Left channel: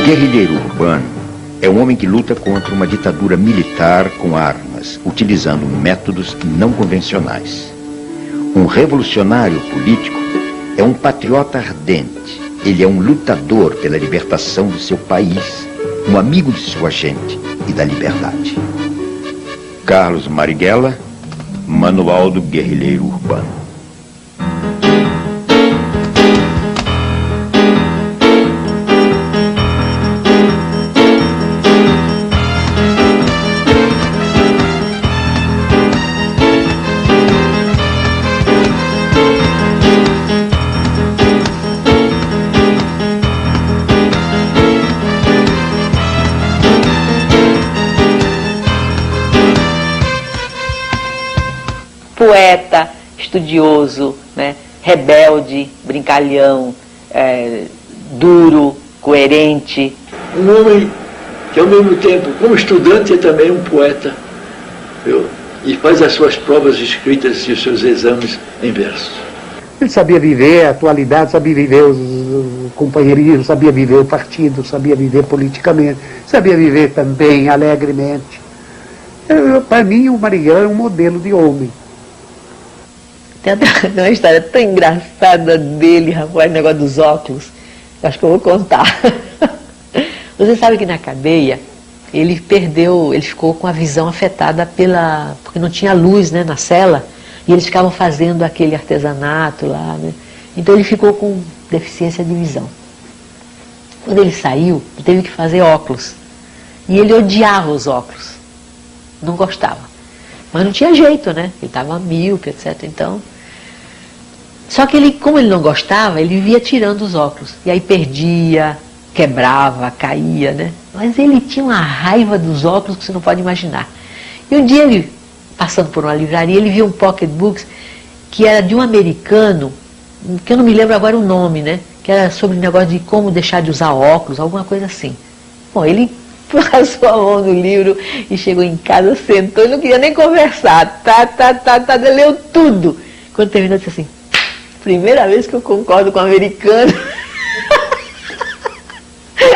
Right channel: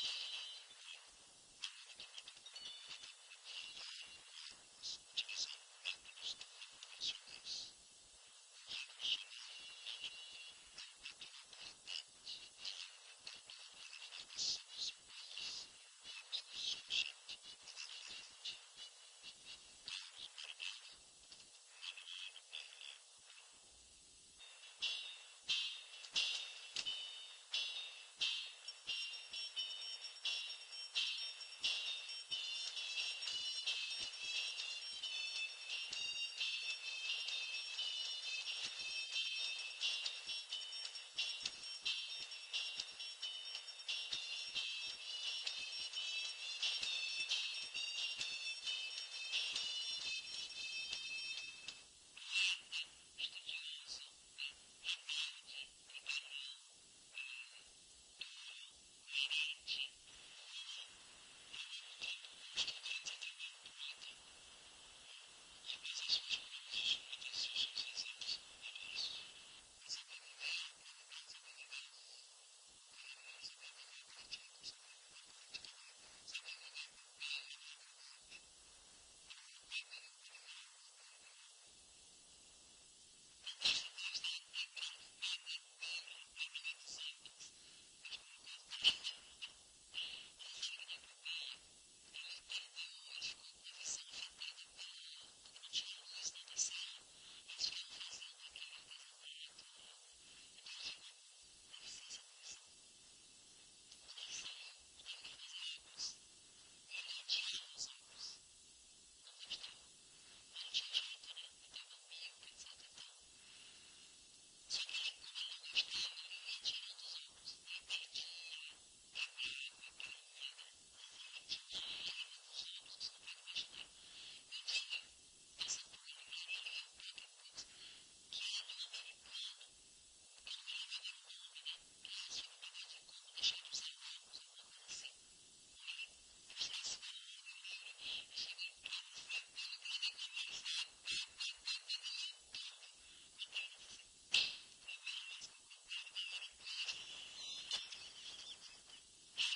O guerrilheiro urbano é um homem que luta contra uma ditadura militar com armas, utilizando métodos não convencionais. Um revolucionário político é um patriota ardente. Ele é um lutador pela libertação do seu país, um amigo de sua gente e da liberdade. Carlos Marighella, Manual do Guerrilheiro Urbano. Poeta, estudioso, né? Rebelde, brincalhão, duro, coerente. Um homem que ao mesmo tempo, como estudante, é também um poeta, viu? E faz as suas provas escritas e os seus exames em verso. Ele sabia viver a atualidade, sabia viver os companheirismos, sabia viver o partido, sabia viver politicamente, sabia viver também alegremente. Para mim, o Marighella é um modelo de homem. Tem uma história tão engraçada dele, rapaz, o negócio dos óculos. Acho que eu vou contar. Você sabe que na cadeia, ele ficou com a visão afetada porque não tinha luz, né, na cela, e eles ficavam fazendo aquele artesanato lá, né? Então ele ficou com deficiência de visão. Quando ele saiu, ele teve que fazer óculos. E ele odiava os óculos. Não gostava. Mas não tinha jeito, né? Ele estava míope, etc. Então... Só que ele, como ele não gostava, ele vivia tirando os óculos. E aí perdia, quebrava, caía, né? Mas ele tinha uma raiva dos óculos que você não pode imaginar. E um dia ele, passando por uma livraria, ele viu um pocketbook que era de um americano, que eu não me lembro agora o nome, né? Que era sobre o negócio de como deixar de usar óculos, alguma coisa assim. Bom, ele passou a mão no livro e chegou em casa, sentou e não queria nem conversar. Leu tudo. Quando terminou, disse assim, primeira vez que eu concordo com o americano.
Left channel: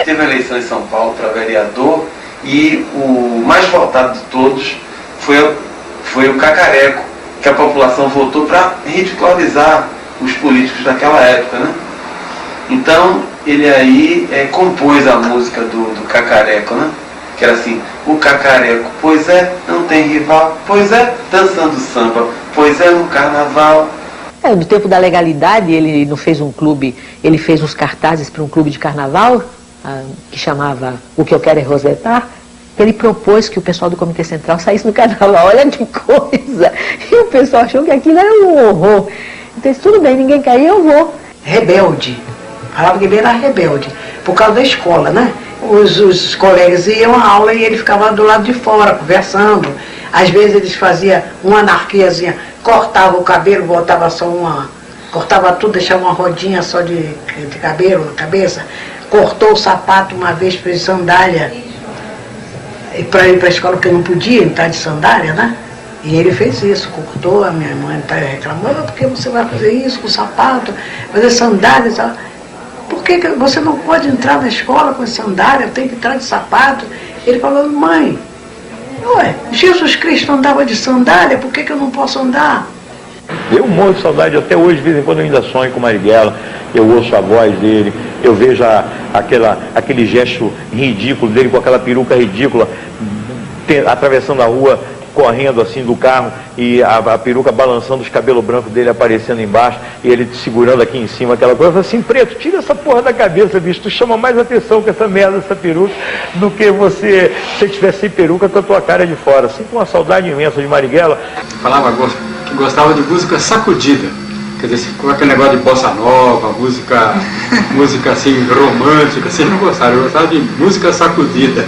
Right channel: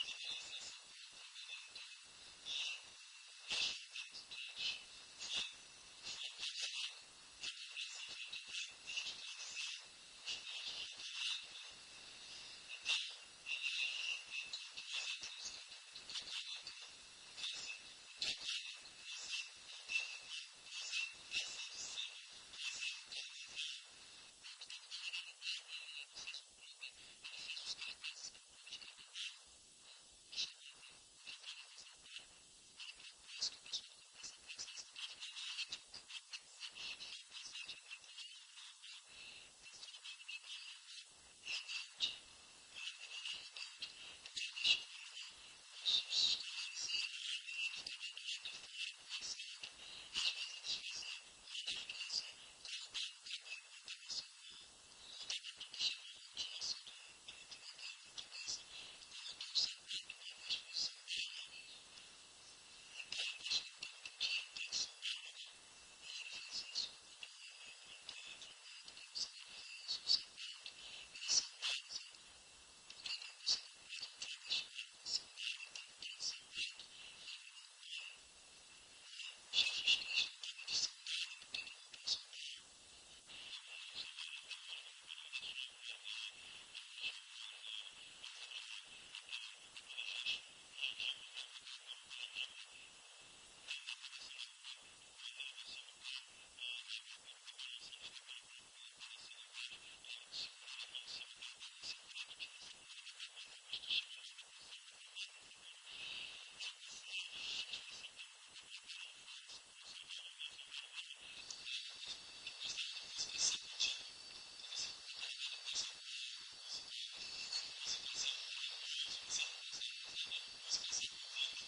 Teve a eleição em São Paulo para vereador e o mais votado de todos foi o Cacareco, que a população votou para ridicularizar os políticos daquela época, né? Então, ele aí compôs a música do Cacareco, né? Que era assim, o Cacareco, pois é, não tem rival, pois é, dançando samba, pois é, no carnaval. No tempo da legalidade, ele não fez um clube, ele fez uns cartazes para um clube de carnaval, que chamava O Que Eu Quero É Rosetar. Ele propôs que o pessoal do Comitê Central saísse no carnaval, olha que coisa! E o pessoal achou que aquilo era um horror. Então, disse, tudo bem, ninguém quer ir, eu vou. Rebelde. Falava que ele era rebelde, por causa da escola, né? Os colegas iam à aula e ele ficava do lado de fora, conversando. Às vezes eles faziam uma anarquiazinha, cortava o cabelo, botava só cortava tudo, deixava uma rodinha só de cabelo na cabeça. Cortou o sapato uma vez, fez sandália, para ir para a escola, porque não podia entrar de sandália, né? E ele fez isso, cortou, a minha mãe está reclamando, por que você vai fazer isso com o sapato, fazer sandália e tal? Por que você não pode entrar na escola com sandália, tem que entrar de sapato? Ele falou, mãe, ué, Jesus Cristo andava de sandália, por que eu não posso andar? Eu morro de saudade, até hoje, de vez em quando eu ainda sonho com o Marighella, eu ouço a voz dele, eu vejo aquele gesto ridículo dele, com aquela peruca ridícula, atravessando a rua, correndo assim do carro, e a peruca balançando, os cabelos brancos dele aparecendo embaixo, e ele segurando aqui em cima aquela coisa. Eu falei assim, Preto, tira essa porra da cabeça, bicho, tu chama mais atenção com essa merda, essa peruca, do que se você tivesse sem peruca com a tua cara de fora. Sinto uma saudade imensa de Marighella. Falava que gostava de música sacudida, quer dizer, com aquele negócio de bossa nova, música assim, romântica, assim, não gostava, eu gostava de música sacudida.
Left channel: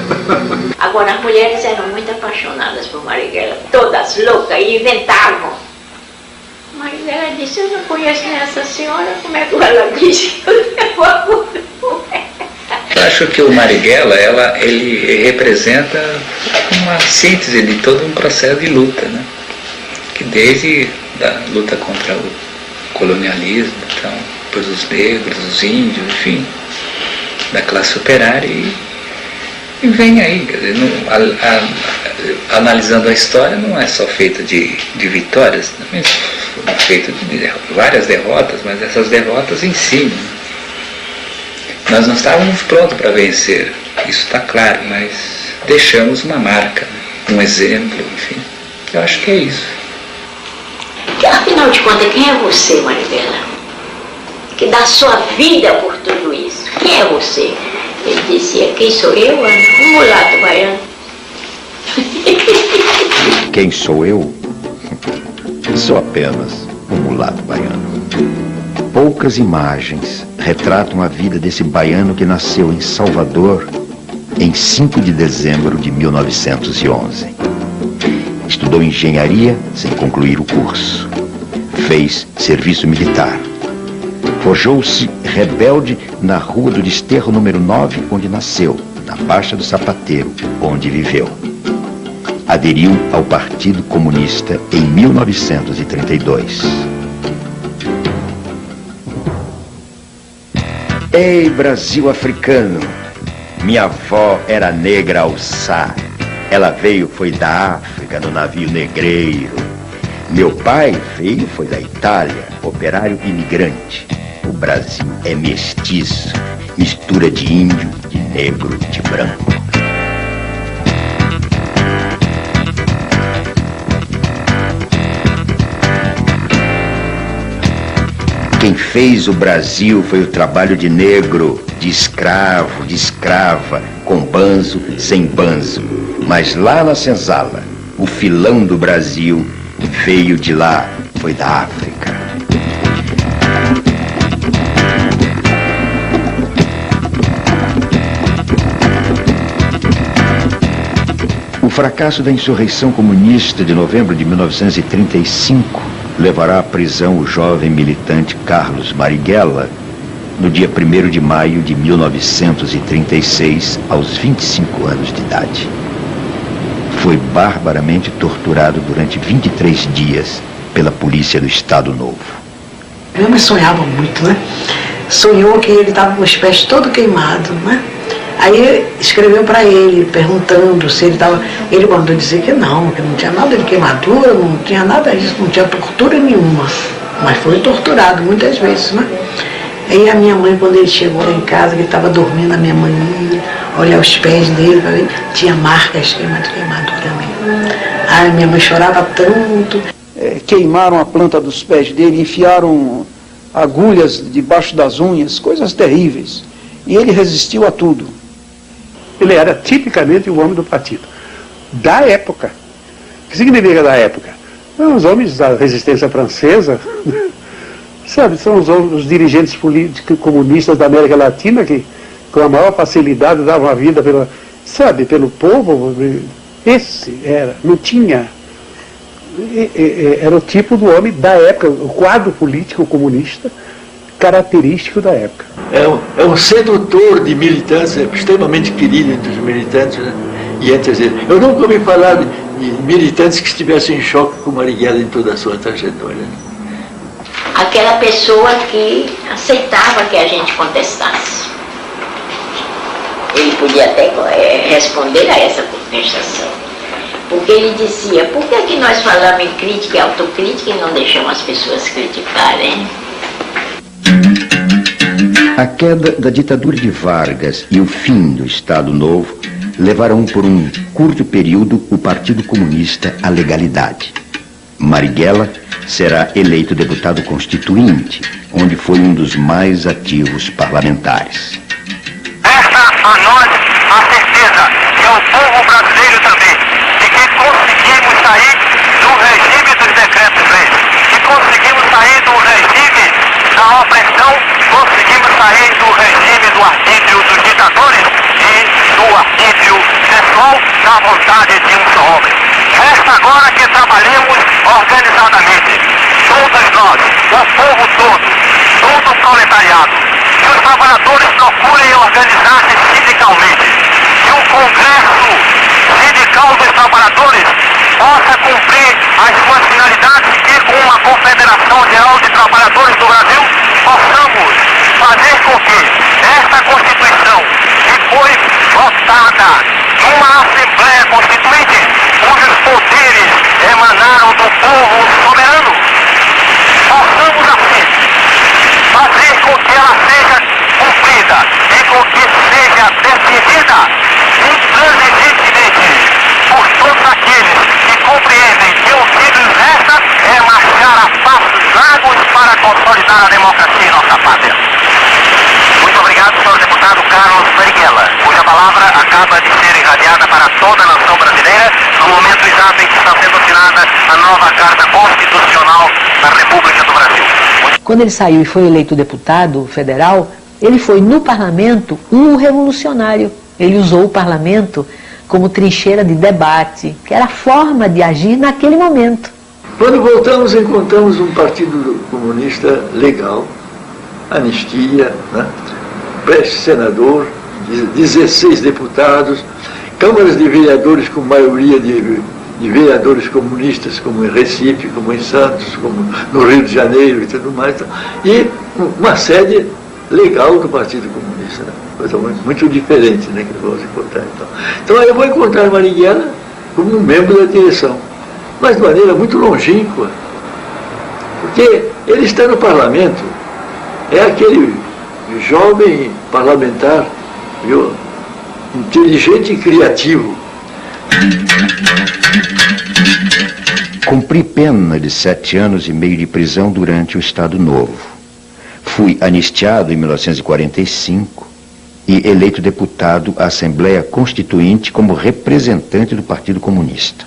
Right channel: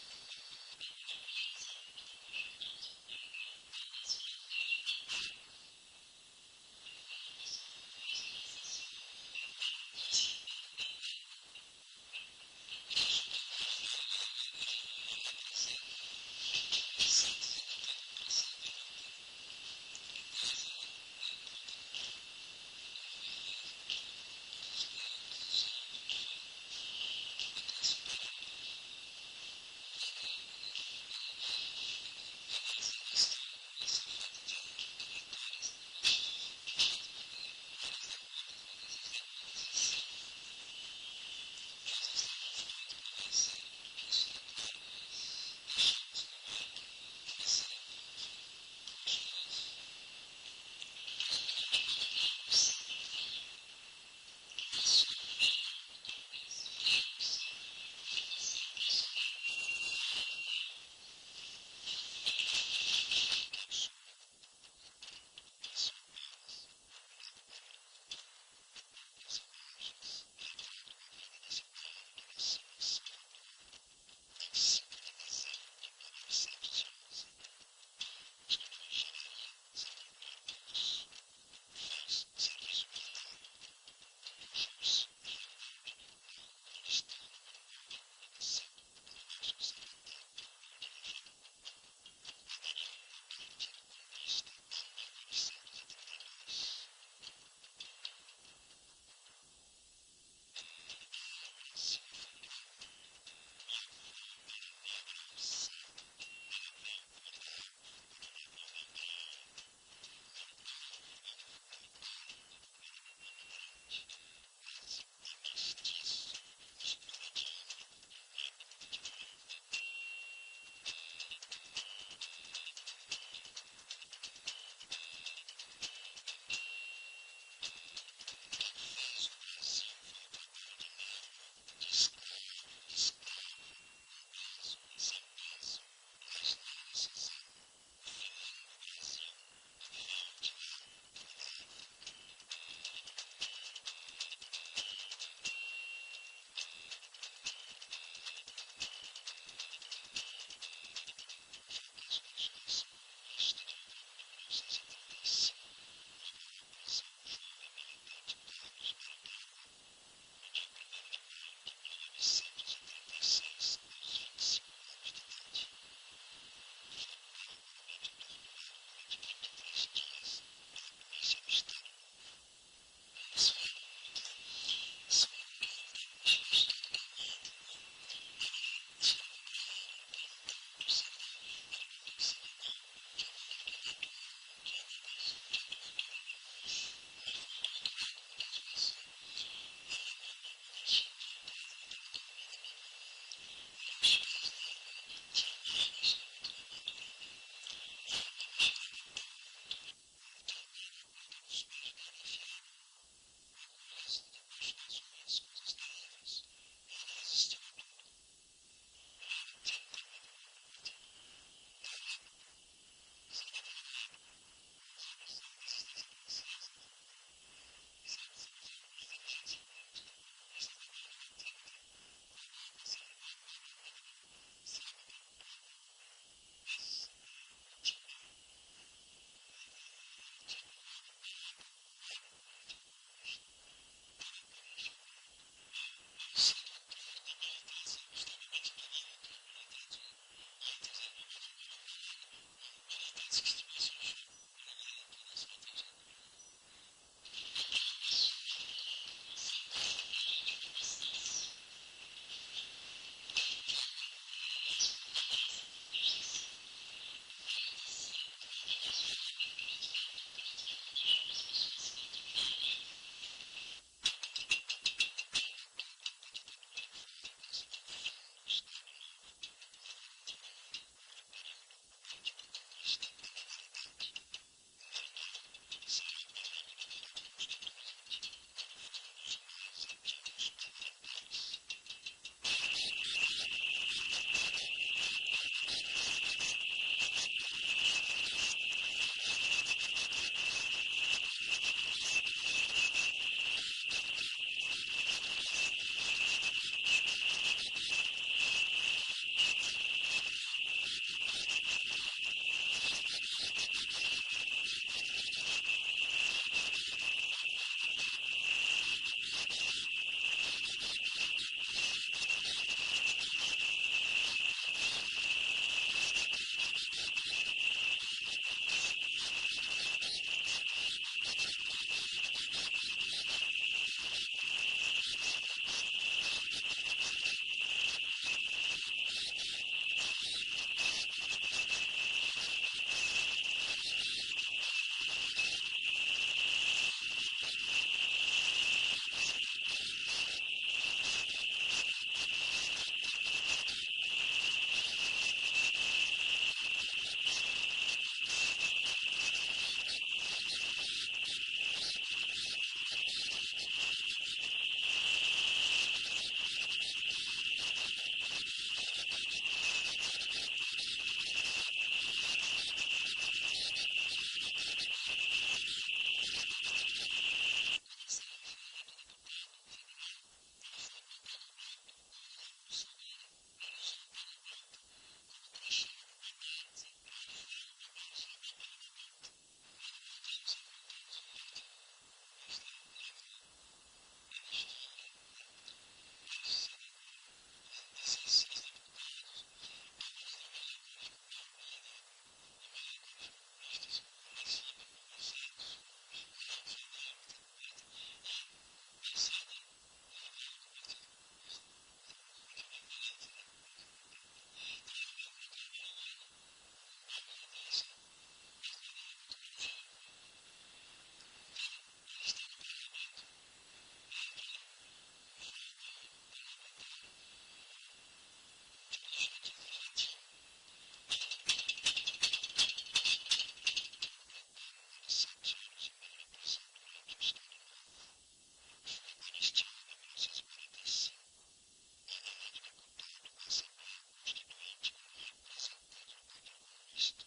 Agora, as mulheres eram muito apaixonadas por Marighella, todas loucas, e inventavam. Marighella disse, eu não conheço essa senhora, como é que ela disse? Eu acho que o Marighella, ele representa uma síntese de todo um processo de luta, né? Que desde a luta contra o colonialismo, então, depois os negros, os índios, enfim, da classe operária e vem aí. Quer dizer, analisando a história, não é só feita de vitórias, também é feita de várias derrotas, mas essas derrotas ensinam. Nós não estávamos prontos para vencer, isso está claro, mas deixamos uma marca, um exemplo, enfim, que eu acho que é isso. Afinal de contas, quem é você, Marighella? Que dá sua vida por tudo isso. Quem é você? Ele dizia, quem sou eu? Um mulato baiano. Quem sou eu? Sou apenas um mulato baiano. Poucas imagens retratam a vida desse baiano que nasceu em Salvador em 5 de dezembro de 1911. Estudou engenharia sem concluir o curso. Fez serviço militar. Forjou-se rebelde na Rua do Desterro número 9, onde nasceu, na Baixa do Sapateiro, onde viveu. Aderiu ao Partido Comunista em 1932. Ei, Brasil africano! Minha avó era negra alçá. Ela veio, foi da África, no navio negreiro. Meu pai veio, foi da Itália, operário imigrante. O Brasil é mestiço, mistura de índio, de negro, de branco. Quem fez o Brasil foi o trabalho de negro, de escravo, de escrava, com banzo, sem banzo. Mas lá na senzala, o filão do Brasil veio de lá, foi da África. O fracasso da insurreição comunista de novembro de 1935 levará à prisão o jovem militante Carlos Marighella no dia 1º de maio de 1936, aos 25 anos de idade. Foi barbaramente torturado durante 23 dias pela polícia do Estado Novo. Meu homem sonhava muito, né? Sonhou que ele estava com os pés todo queimado, né? Aí escreveu para ele, perguntando se ele estava... Ele mandou dizer que não tinha nada de queimadura, não tinha nada disso, não tinha tortura nenhuma. Mas foi torturado muitas vezes, né? Aí a minha mãe, quando ele chegou lá em casa, que ele estava dormindo, a minha mãe ia olhar os pés dele, pra ver, tinha marcas de queimadura também. Aí minha mãe chorava tanto. Queimaram a planta dos pés dele, enfiaram agulhas debaixo das unhas, coisas terríveis. E ele resistiu a tudo. Ele era tipicamente o homem do partido. Da época. O que significa da época? Os homens da resistência francesa, sabe, são os dirigentes políticos comunistas da América Latina que, com a maior facilidade, davam a vida pelo povo. Esse era, não tinha... Era o tipo do homem da época, o quadro político comunista característico da época. É um sedutor de militantes, extremamente querido entre os militantes, né? E entre eles. Eu nunca ouvi falar de militantes que estivessem em choque com Marighella em toda a sua trajetória. Aquela pessoa que aceitava que a gente contestasse. Ele podia até responder a essa contestação. Porque ele dizia, por que nós falamos em crítica e autocrítica e não deixamos as pessoas criticarem? A queda da ditadura de Vargas e o fim do Estado Novo levaram por um curto período o Partido Comunista à legalidade. Marighella será eleito deputado constituinte, onde foi um dos mais ativos parlamentares. Resta a nós a certeza, e ao povo brasileiro também, de que conseguimos sair do regime dos decretos-leis, que conseguimos sair do regime da opressão, conseguimos sair do regime do arbítrio dos ditadores e do arbítrio pessoal da vontade de um só homem. Resta agora que trabalhemos organizadamente, todos nós, o povo todo o proletariado, que os trabalhadores procurem organizar-se sindicalmente, que o Congresso Sindical dos Trabalhadores possa cumprir as suas finalidades e que com uma Confederação Geral de Trabalhadores do Brasil possamos fazer com que esta Constituição Constituinte, cujos poderes emanaram do povo soberano. Possamos assim fazer com que ela seja cumprida e com que seja defendida intransigentemente por todos aqueles que compreendem que o que nos resta é marchar a passos largos para consolidar a democracia em nossa pátria. Muito obrigado, senhor deputado Carlos Marighella, cuja palavra acaba de ser irradiada para toda a nação brasileira no momento exato em que está sendo assinada a nova Carta Constitucional da República do Brasil. Quando ele saiu e foi eleito deputado federal, ele foi no parlamento um revolucionário. Ele usou o parlamento como trincheira de debate, que era a forma de agir naquele momento. Quando voltamos, encontramos um partido comunista legal, anistia, né? Pré-senador, 16 deputados, câmaras de vereadores com maioria de vereadores comunistas, como em Recife, como em Santos, como no Rio de Janeiro e tudo mais, e uma sede legal do Partido Comunista, né? Coisa muito diferente, né, que vamos encontrar. Então eu vou encontrar Marighella como um membro da direção, mas de maneira muito longínqua, porque ele está no parlamento, é aquele jovem parlamentar, viu, inteligente e criativo. Cumpri pena de 7 anos e meio de prisão durante o Estado Novo. Fui anistiado em 1945 e eleito deputado à Assembleia Constituinte como representante do Partido Comunista.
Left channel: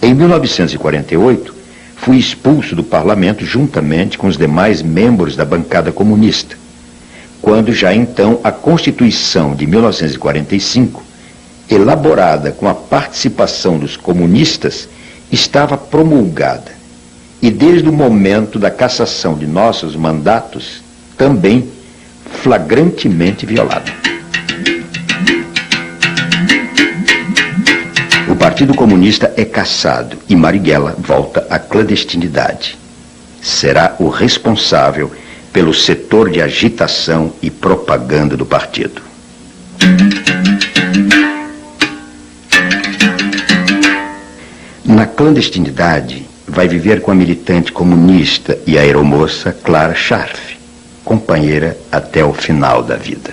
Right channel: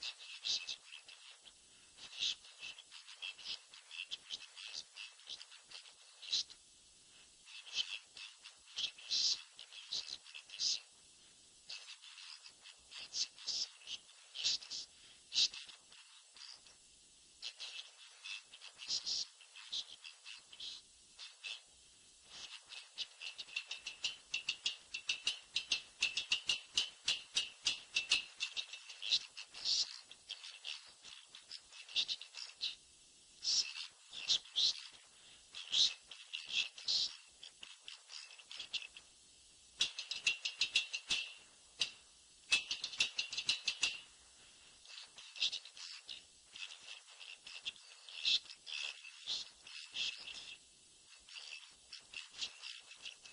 Em 1948, fui expulso do parlamento juntamente com os demais membros da bancada comunista, quando já então a Constituição de 1945, elaborada com a participação dos comunistas, estava promulgada e desde o momento da cassação de nossos mandatos, também flagrantemente violada. O Partido Comunista é cassado e Marighella volta à clandestinidade. Será o responsável pelo setor de agitação e propaganda do partido. Na clandestinidade, vai viver com a militante comunista e aeromoça Clara Scharf, companheira até o final da vida.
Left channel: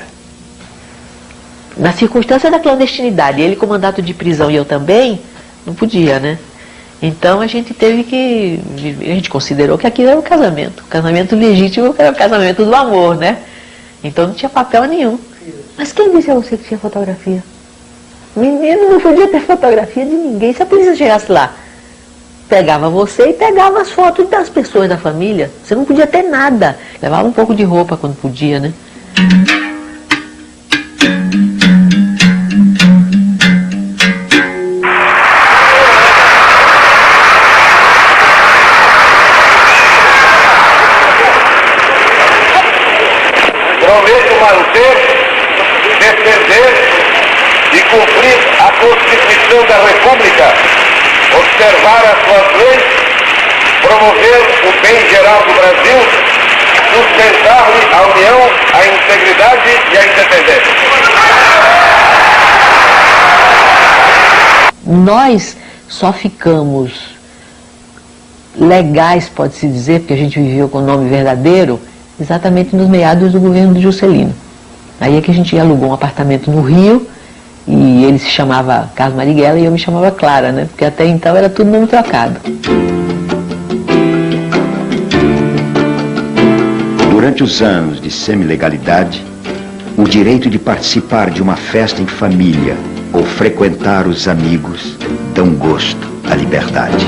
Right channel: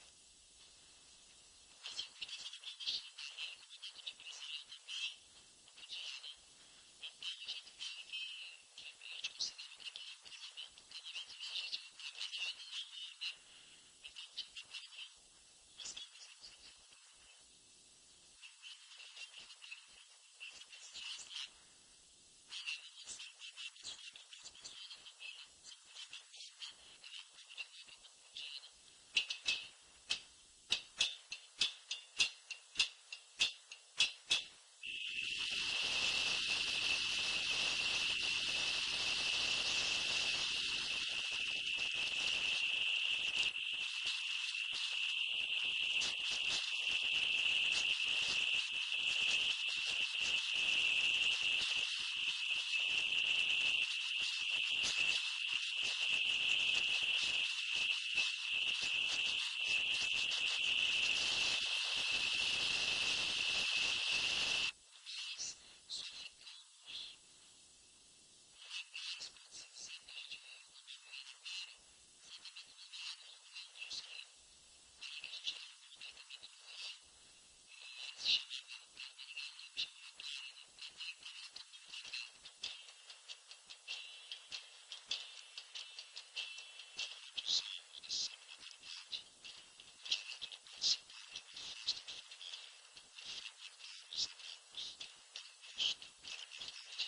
Na circunstância da clandestinidade, ele com mandato de prisão e eu também, não podia, né? Então a gente teve que... A gente considerou que aquilo era um casamento. O casamento legítimo era o casamento do amor, né? Então não tinha papel nenhum. Mas quem disse a você que tinha fotografia? Menino, não podia ter fotografia de ninguém. Se a polícia chegasse lá, pegava você e pegava as fotos das pessoas da família. Você não podia ter nada. Levava um pouco de roupa quando podia, né? Prometo manter, defender e cumprir a Constituição da República, observar as suas leis, promover o bem geral do Brasil, sustentar-lhe a união, a integridade e a independência. Nós só ficamos legais, pode-se dizer, porque a gente viveu com o nome verdadeiro, exatamente nos meados do governo de Juscelino. Aí é que a gente alugou um apartamento no Rio, e ele se chamava Carlos Marighella e eu me chamava Clara, né? Porque até então era tudo nome trocado. Durante os anos de semi-legalidade, o direito de participar de uma festa em família ou frequentar os amigos dão gosto à liberdade.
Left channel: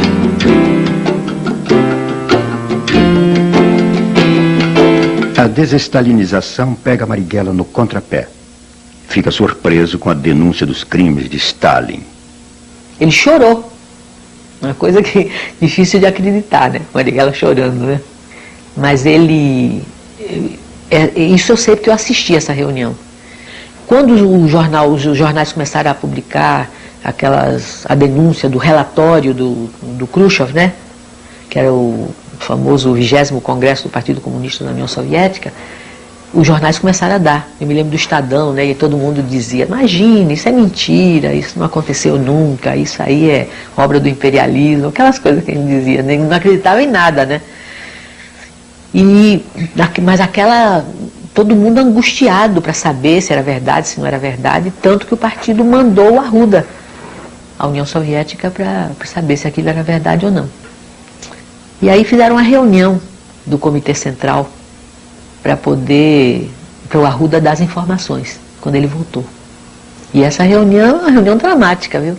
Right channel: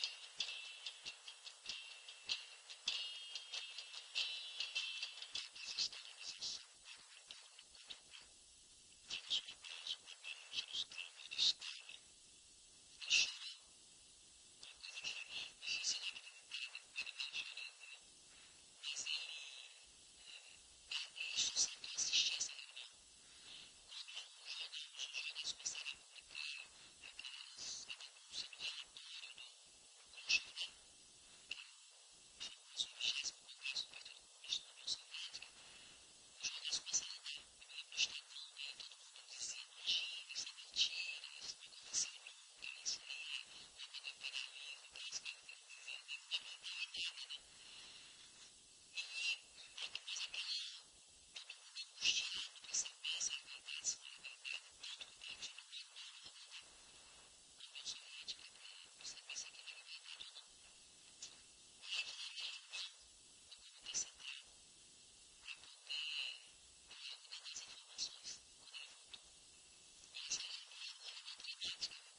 A desestalinização pega Marighella no contrapé. Fica surpreso com a denúncia dos crimes de Stalin. Ele chorou. Uma coisa que difícil de acreditar, né? Marighella chorando, né? Mas ele... Isso eu sei porque eu assisti essa reunião. Quando os jornais começaram a publicar a denúncia do relatório do Khrushchev, né? Que era o famoso 20º Congresso do Partido Comunista da União Soviética, os jornais começaram a dar. Eu me lembro do Estadão, né? E todo mundo dizia, imagine, isso é mentira, isso não aconteceu nunca, isso aí é obra do imperialismo, aquelas coisas que ele dizia, né? Não acreditava em nada, né? Mas todo mundo angustiado para saber se era verdade, se não era verdade, tanto que o partido mandou o Arruda à União Soviética para saber se aquilo era verdade ou não. E aí fizeram uma reunião do Comitê Central para o Arruda dar as informações, quando ele voltou. E essa reunião é uma reunião dramática, viu?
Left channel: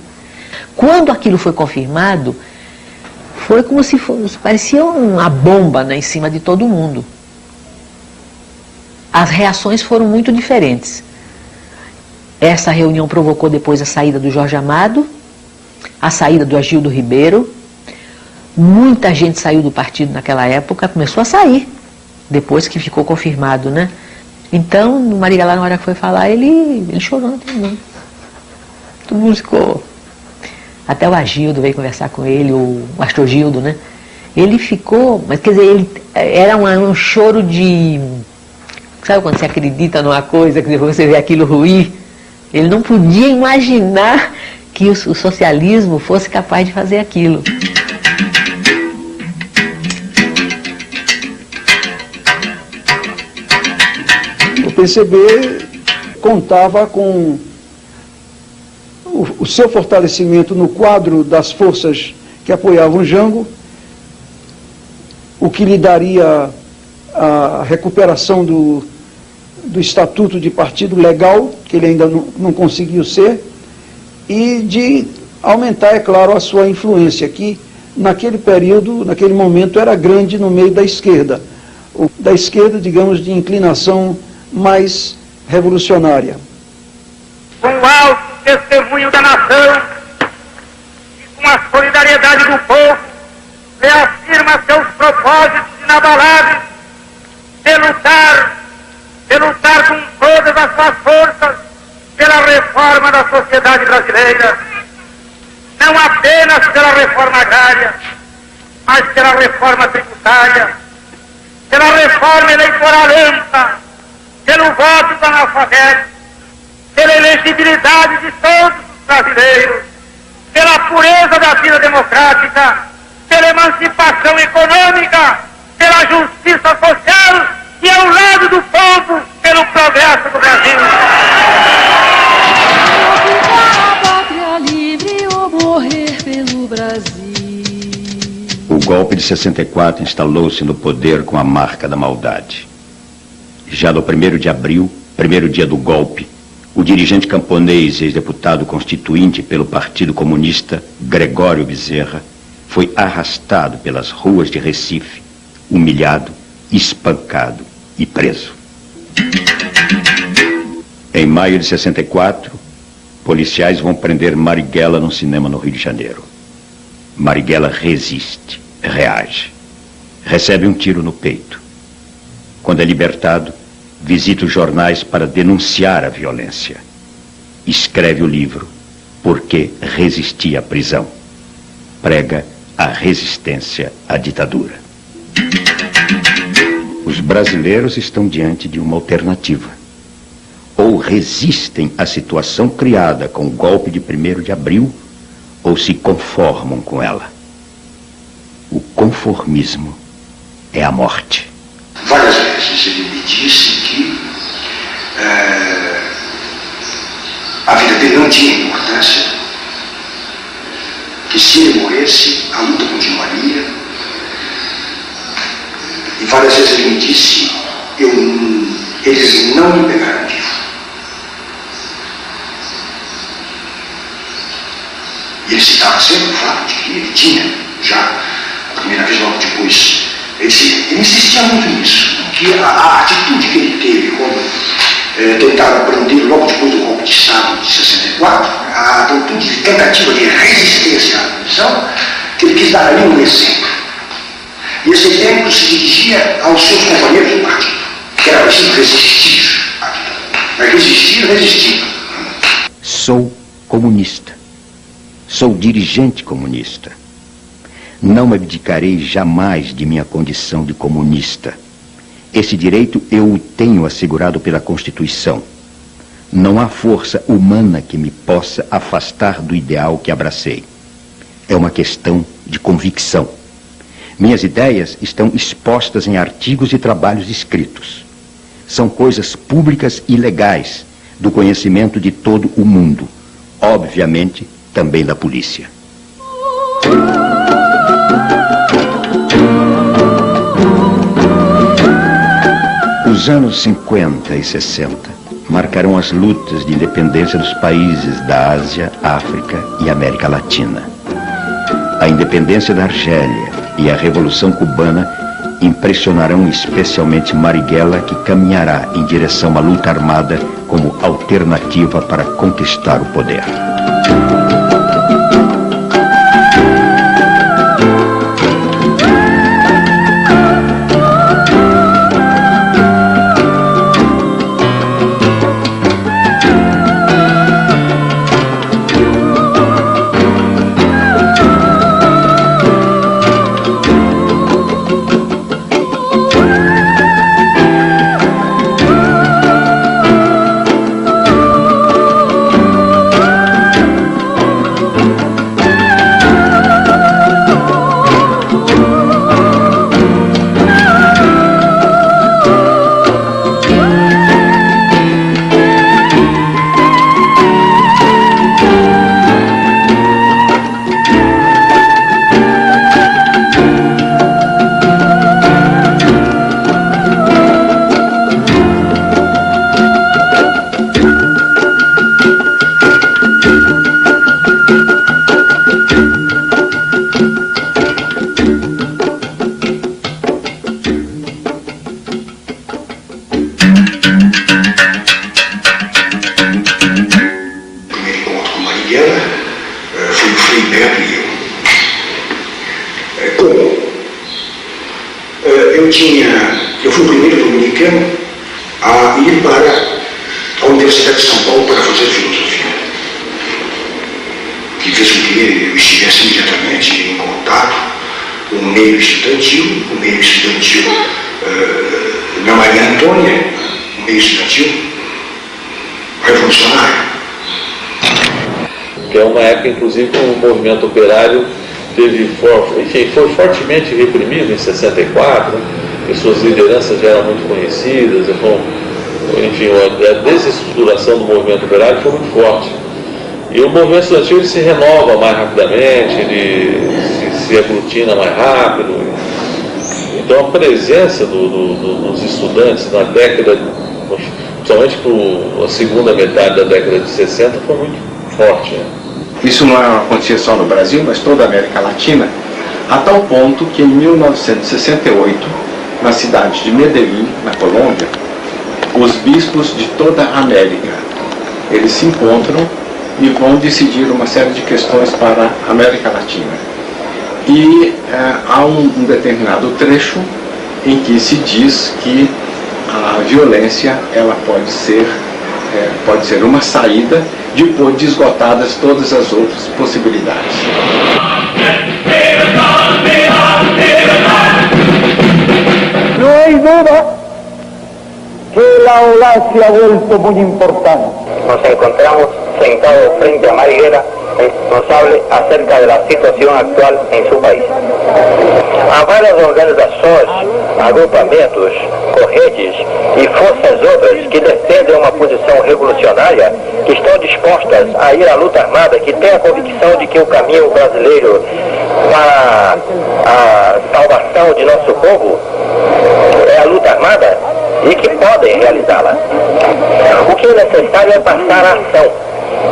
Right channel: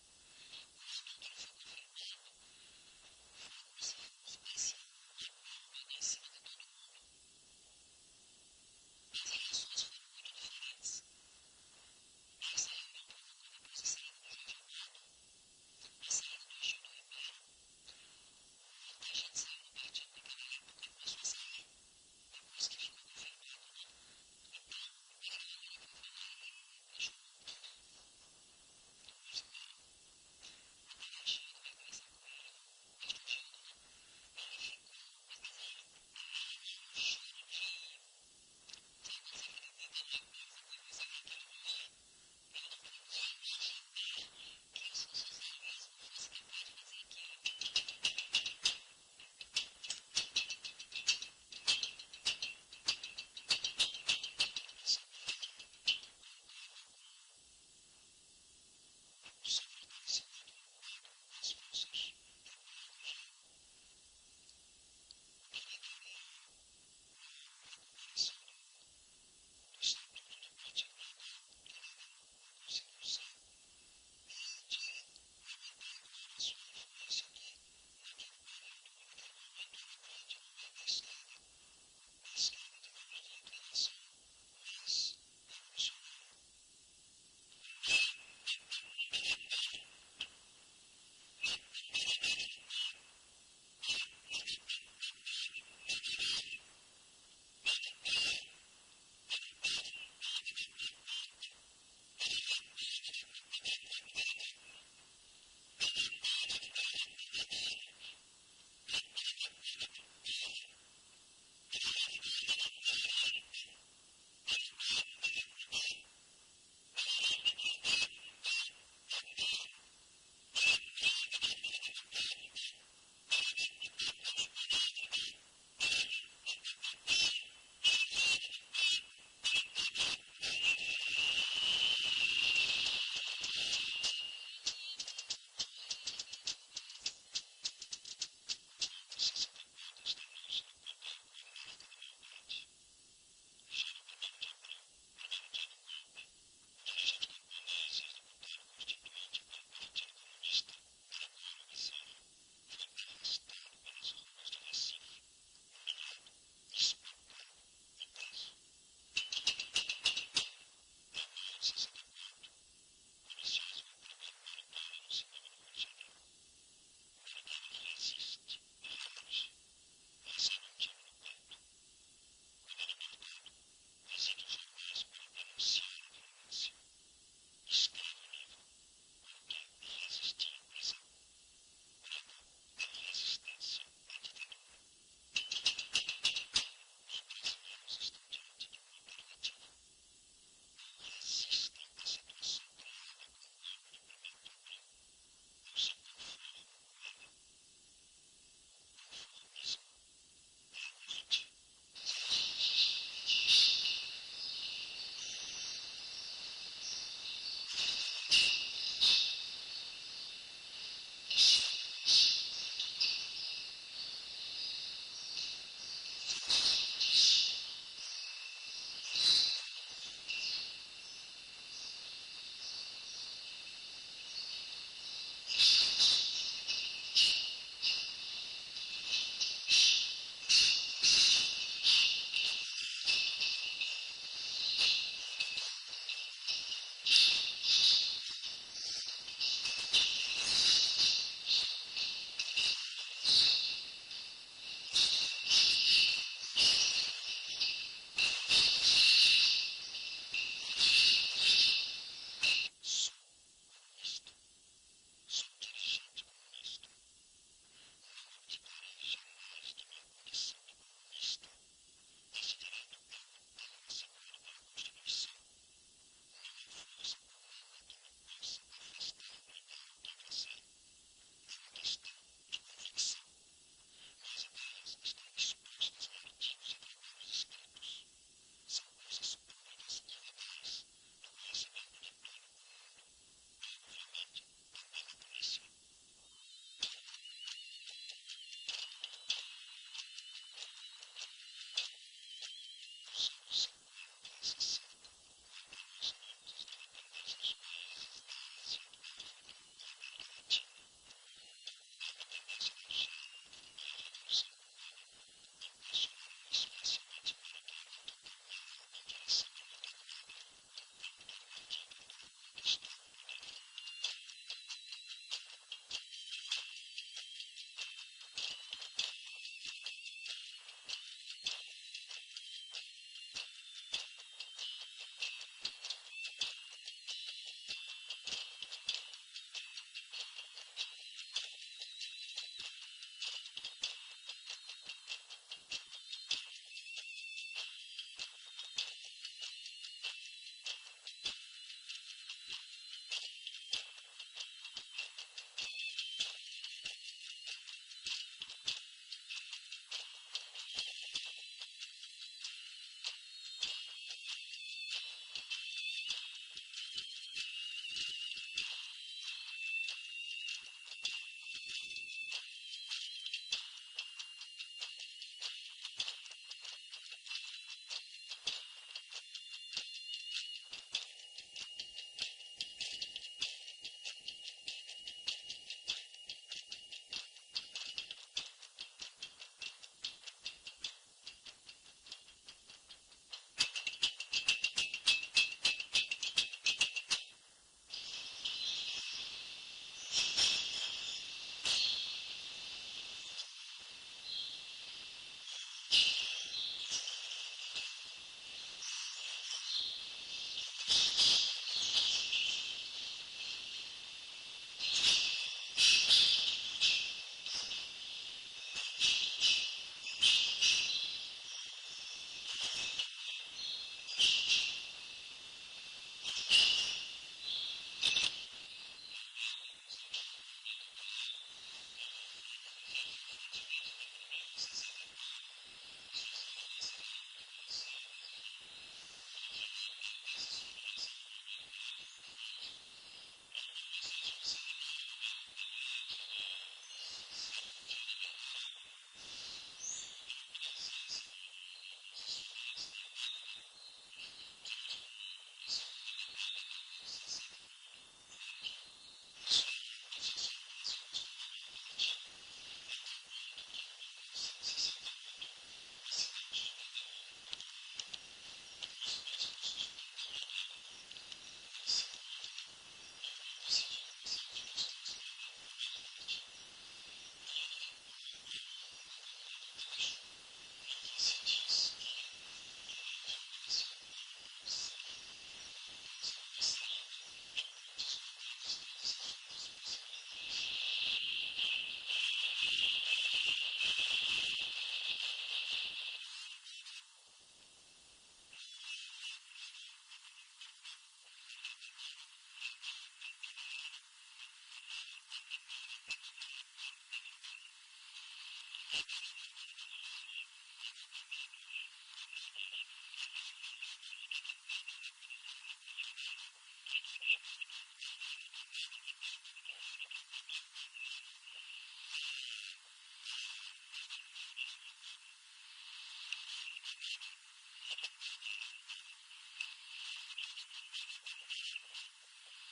Quando aquilo foi confirmado, foi como se fosse, parecia uma bomba, né, em cima de todo mundo. As reações foram muito diferentes. Essa reunião provocou depois a saída do Jorge Amado, a saída do Agildo Ribeiro. Muita gente saiu do partido naquela época, começou a sair, depois que ficou confirmado, né? Então, o Marighella, na hora que foi falar, ele chorou, não tem não. Todo mundo ficou... Até o Agildo veio conversar com ele, o Astrogildo, né? Ele ficou... Mas, quer dizer, era um choro de... Sabe quando você acredita numa coisa, que depois você vê aquilo ruir? Ele não podia imaginar que o socialismo fosse capaz de fazer aquilo. O PCB contava com o seu fortalecimento no quadro das forças que apoiavam Jango, o que lhe daria a recuperação do estatuto de partido legal, que ele ainda não conseguiu ser, e de aumentar, é claro, a sua influência, que naquele período, naquele momento, era grande no meio da esquerda, digamos, de inclinação mais revolucionária. Com o alto testemunho da nação e com a solidariedade do povo, reafirma seus propósitos inabaláveis de lutar com todas as suas forças pela reforma da sociedade brasileira, não apenas pela reforma agrária, mas pela reforma tributária, pela reforma eleitoral ampla, pelo voto do analfabeto, pela elegibilidade de todos os brasileiros, pela pureza da vida democrática, pela emancipação econômica, pela justiça social e ao lado do povo, pelo progresso do Brasil. O golpe de 64 instalou-se no poder com a marca da maldade. Já no 1º de abril, primeiro dia do golpe, o dirigente camponês e ex-deputado constituinte pelo Partido Comunista, Gregório Bezerra, foi arrastado pelas ruas de Recife, humilhado, espancado e preso. Em maio de 64, policiais vão prender Marighella num cinema no Rio de Janeiro. Marighella resiste, reage. Recebe um tiro no peito. Quando é libertado, visita os jornais para denunciar a violência. Escreve o livro Por que Resisti à Prisão. Prega a resistência à ditadura. Os brasileiros estão diante de uma alternativa. Ou resistem à situação criada com o golpe de 1º de abril, ou se conformam com ela. O conformismo é a morte. Várias vezes ele me disse que a vida dele não tinha importância, que se ele morresse, a luta continuaria. E várias vezes ele me disse, eles não me pegaram vivo. E ele citava sempre o fato de que ele tinha, já a primeira vez, logo depois, ele insistia muito nisso, que a atitude que ele teve quando tentaram prender logo depois do golpe de Estado de 64, a atitude de tentativa de resistência à prisão, que ele quis dar ali um exemplo. E esse exemplo se dirigia aos seus companheiros do partido, que era preciso resistir à ditadura. Mas resistir. Sou comunista. Sou dirigente comunista. Não me abdicarei jamais de minha condição de comunista. Esse direito eu o tenho assegurado pela Constituição. Não há força humana que me possa afastar do ideal que abracei. É uma questão de convicção. Minhas ideias estão expostas em artigos e trabalhos escritos. São coisas públicas e legais, do conhecimento de todo o mundo, obviamente também da polícia. Os anos 50 e 60 marcarão as lutas de independência dos países da Ásia, África e América Latina. A independência da Argélia e a Revolução Cubana impressionarão especialmente Marighella, que caminhará em direção à luta armada como alternativa para conquistar o poder. Eu fui o primeiro dominicano a ir para a Universidade de São Paulo para fazer filosofia, que fez com que eu estivesse imediatamente em contato com o meio estudantil, na Maria Antônia, o meio estudantil revolucionário. Que é uma época, inclusive, que o movimento operário foi fortemente reprimido em 64, e suas lideranças já eram muito conhecidas, enfim, a desestruturação do movimento operário foi muito forte. E o movimento estudantil ele se renova mais rapidamente, ele se aglutina mais rápido. Então a presença dos estudantes na década, principalmente para a segunda metade da década de 60, foi muito forte. Né? Isso não acontecia só no Brasil, mas toda a América Latina, a tal ponto que em 1968, na cidade de Medellín, na Colômbia, os bispos de toda a América, eles se encontram e vão decidir uma série de questões para a América Latina. E há um determinado trecho em que se diz que a violência ela pode ser uma saída depois de esgotadas todas as outras possibilidades. No hay duda que la OLA se ha vuelto muy importante. Nos encontramos sentados frente a Marighella, responsable acerca de la situación actual em seu país. Há várias organizações, agrupamentos, correntes e forças outras que defendem uma posição revolucionária, que estão dispostas a ir à luta armada, que têm a convicção de que o caminho brasileiro para a salvação de nosso povo é a luta armada e que podem realizá-la. O que é necessário é passar a ação,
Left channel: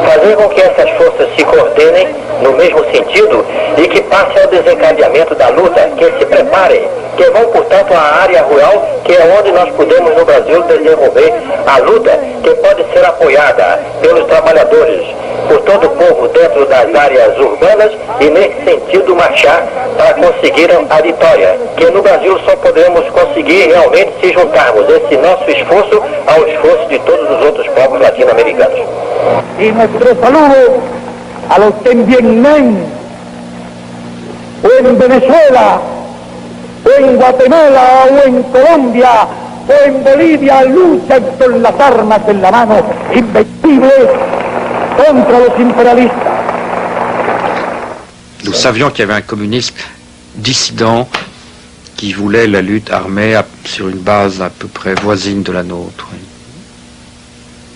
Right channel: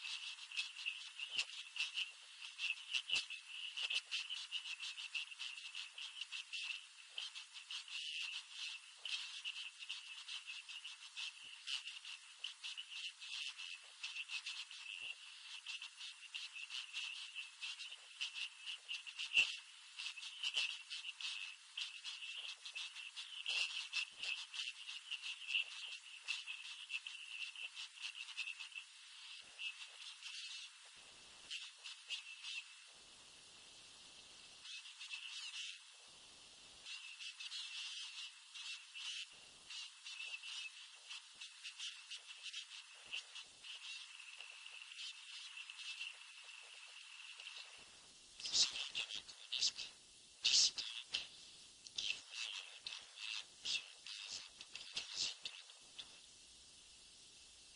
fazer com que essas forças se coordenem no mesmo sentido e que passem ao desencadeamento da luta, que se preparem, que vão, portanto, à área rural, que é onde nós podemos no Brasil desenvolver a luta, que pode ser apoiada pelos trabalhadores, por todo o povo dentro das áreas urbanas e, nesse sentido, marchar para conseguir a vitória, que no Brasil só podemos conseguir realmente se juntarmos esse nosso esforço ao esforço de todos os outros povos latino-americanos. Y nuestro saludo a los que en Vietnam, o en Venezuela, o en Guatemala, o en Colombia, en Bolivia luchan con las armas en la mano, invencibles contra los imperialistas. Nous savions qu'il y avait un communiste dissident qui voulait la lutte armée sur une base à peu près voisine de la nôtre.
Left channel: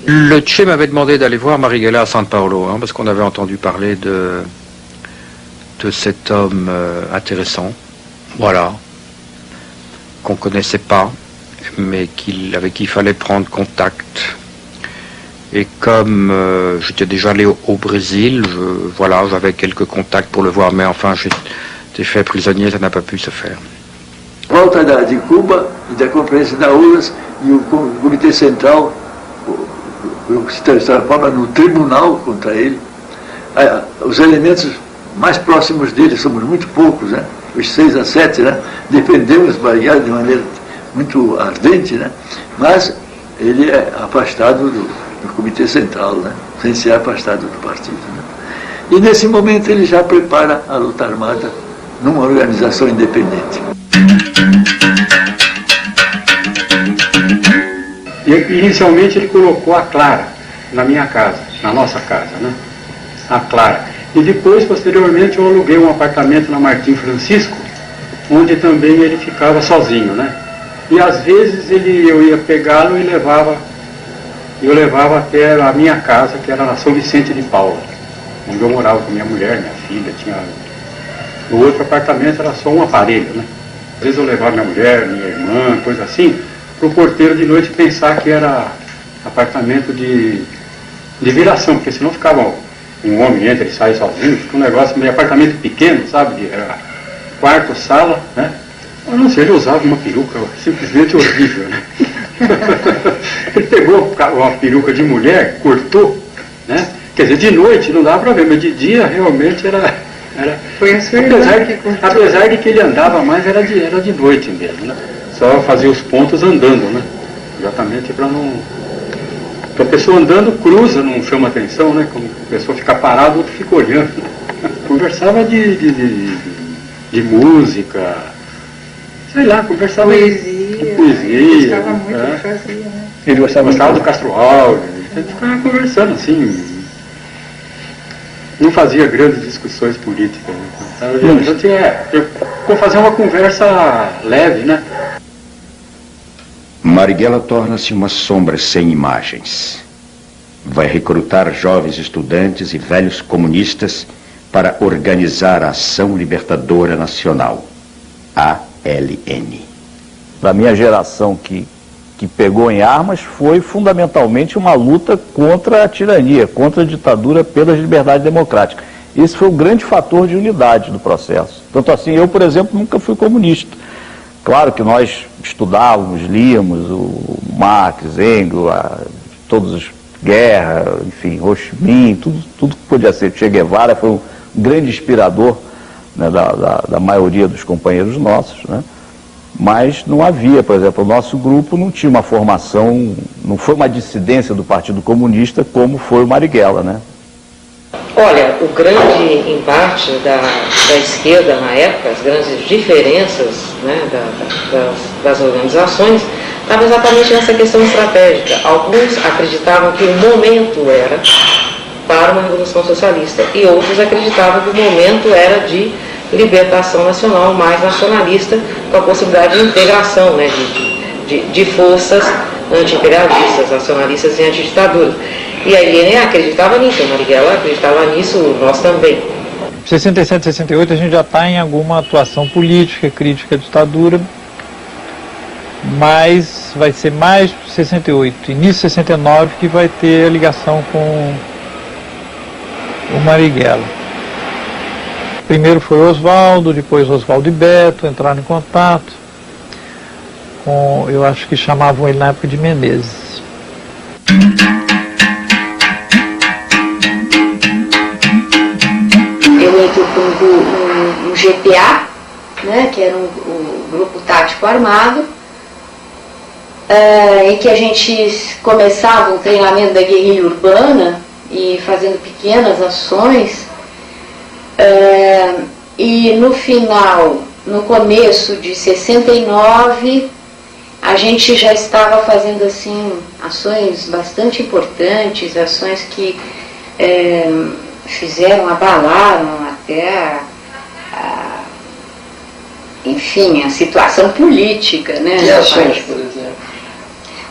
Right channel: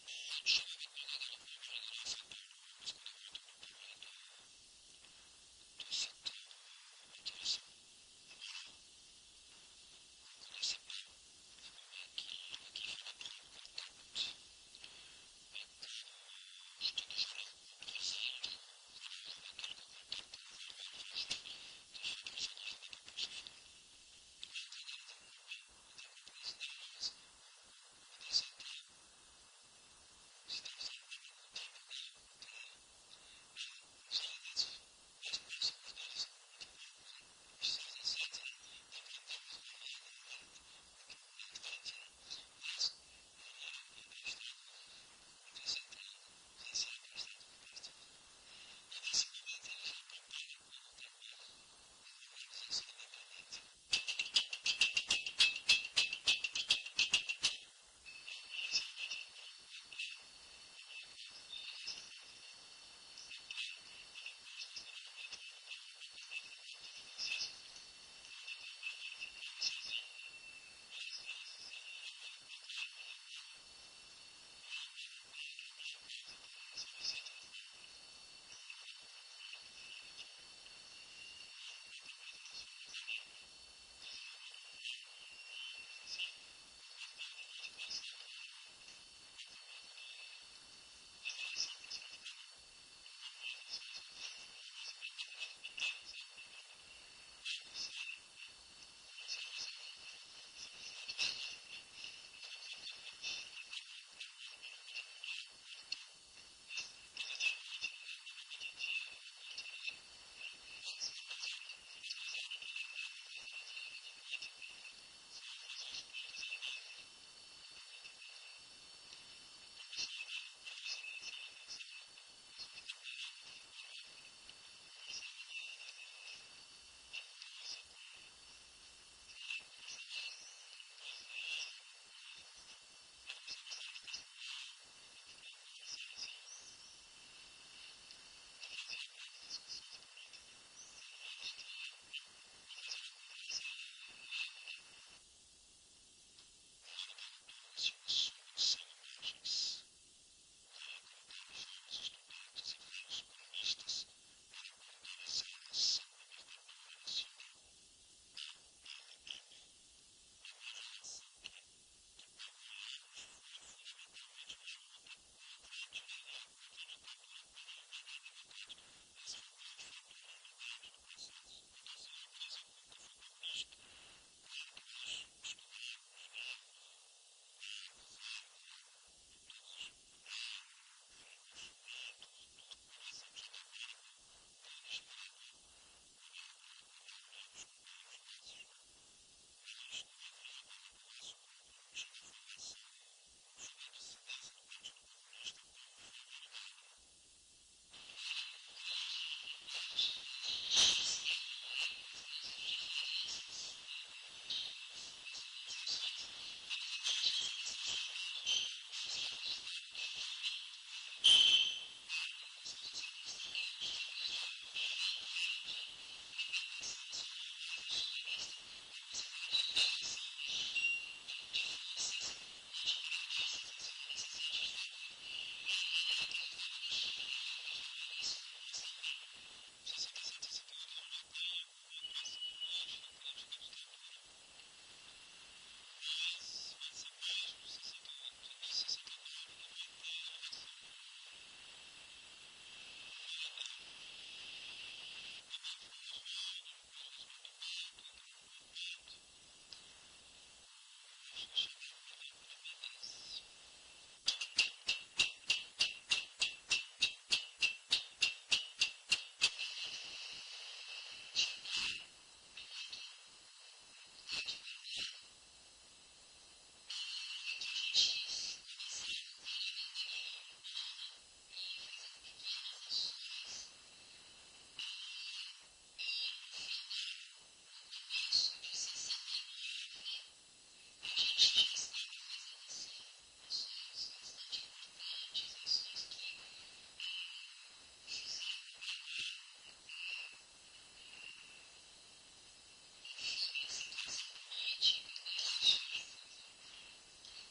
Le Che m'avait demandé d'aller voir Marighella à San Paolo, parce qu'on avait entendu parler de cet homme intéressant, voilà, qu'on ne connaissait pas, mais avec qui il fallait prendre contact. Et comme j'étais déjà allé au Brésil, voilà, j'avais quelques contacts pour le voir, mais enfin, j'étais fait prisonnier, ça n'a pas pu se faire. Volta de Cuba e da Conferência da URSS e o Comitê Central se transforma no tribunal contra ele. Os elementos mais próximos dele, somos muito poucos, né? Os 6 a 7, né? Defendemos Marighella de maneira muito ardente, né? Mas ele é afastado do Comitê Central, né? Sem ser afastado do partido, né? E nesse momento ele já prepara a luta armada numa organização independente. Inicialmente ele colocou a Clara na minha casa, na nossa casa, né? A Clara. E depois, posteriormente, eu aluguei um apartamento na Martim Francisco, onde também ele ficava sozinho, né? E às vezes eu ia pegá-lo e eu levava até a minha casa, que era na São Vicente de Paula, onde eu morava com minha mulher, minha filha. O outro apartamento era só um aparelho, né? Às vezes eu levava minha mulher, minha irmã, coisa assim, para o porteiro de noite pensar que era apartamento de viração, porque senão ficava um homem entra e sai sozinho, fica um negócio meio apartamento pequeno, sabe? Era quarto, sala, né? Eu não sei, ele usava uma peruca simplesmente horrível, né? Ele pegou uma peruca de mulher, cortou, né? Quer dizer, de noite não dava para ver, mas de dia realmente era Foi a sua apesar de que ele andava mais, era de noite mesmo, né? Só fazia os pontos andando, né? Exatamente para não... Porque a pessoa andando cruza, não chama atenção, né? Como a pessoa fica parada, o outro fica olhando. Conversava de música, sei lá, conversava de poesia. Ele gostava muito de fazer, né? Ele gostava do Castro Alves, a gente ficava conversando assim. Não fazia grandes discussões políticas, né? A gente vou fazer uma conversa leve, né? Marighella torna-se uma sombra sem imagens. Vai recrutar jovens estudantes e velhos comunistas para organizar a Ação Libertadora Nacional, ALN. Da minha geração que pegou em armas foi fundamentalmente uma luta contra a tirania, contra a ditadura pelas liberdades democráticas. Esse foi o grande fator de unidade do processo. Tanto assim, eu, por exemplo, nunca fui comunista. Claro que nós estudávamos, líamos o Marx, Engels, todos os Guerra, enfim, Ho Chi Minh, tudo que podia ser. Che Guevara foi um grande inspirador, né, da maioria dos companheiros nossos, né? Mas não havia, por exemplo, o nosso grupo não tinha uma formação, não foi uma dissidência do Partido Comunista como foi o Marighella, né? Olha, o grande embate da esquerda na época, as grandes diferenças, né, das organizações, estava exatamente nessa questão estratégica. Alguns acreditavam que o momento era para uma revolução socialista e outros acreditavam que o momento era de libertação nacional, mais nacionalista, com a possibilidade de integração, né, de forças anti-imperialistas, nacionalistas e antiditaduras. E a ILN acreditava nisso, a Marighella acreditava nisso, nós também. 67, 68 a gente já está em alguma atuação política, crítica à ditadura, mas vai ser mais 68, início de 69 que vai ter a ligação com o Marighella. Primeiro foi Oswaldo, depois Oswaldo e Beto entraram em contato com, eu acho que chamavam ele na época de Menezes. Eu entro no GPA, né, que era um grupo tático armado, em que a gente começava o treinamento da guerrilha urbana e fazendo pequenas ações, e no final, no começo de 69, a gente já estava fazendo assim ações bastante importantes, ações que abalaram até enfim, a situação política, né? Que ações, por exemplo?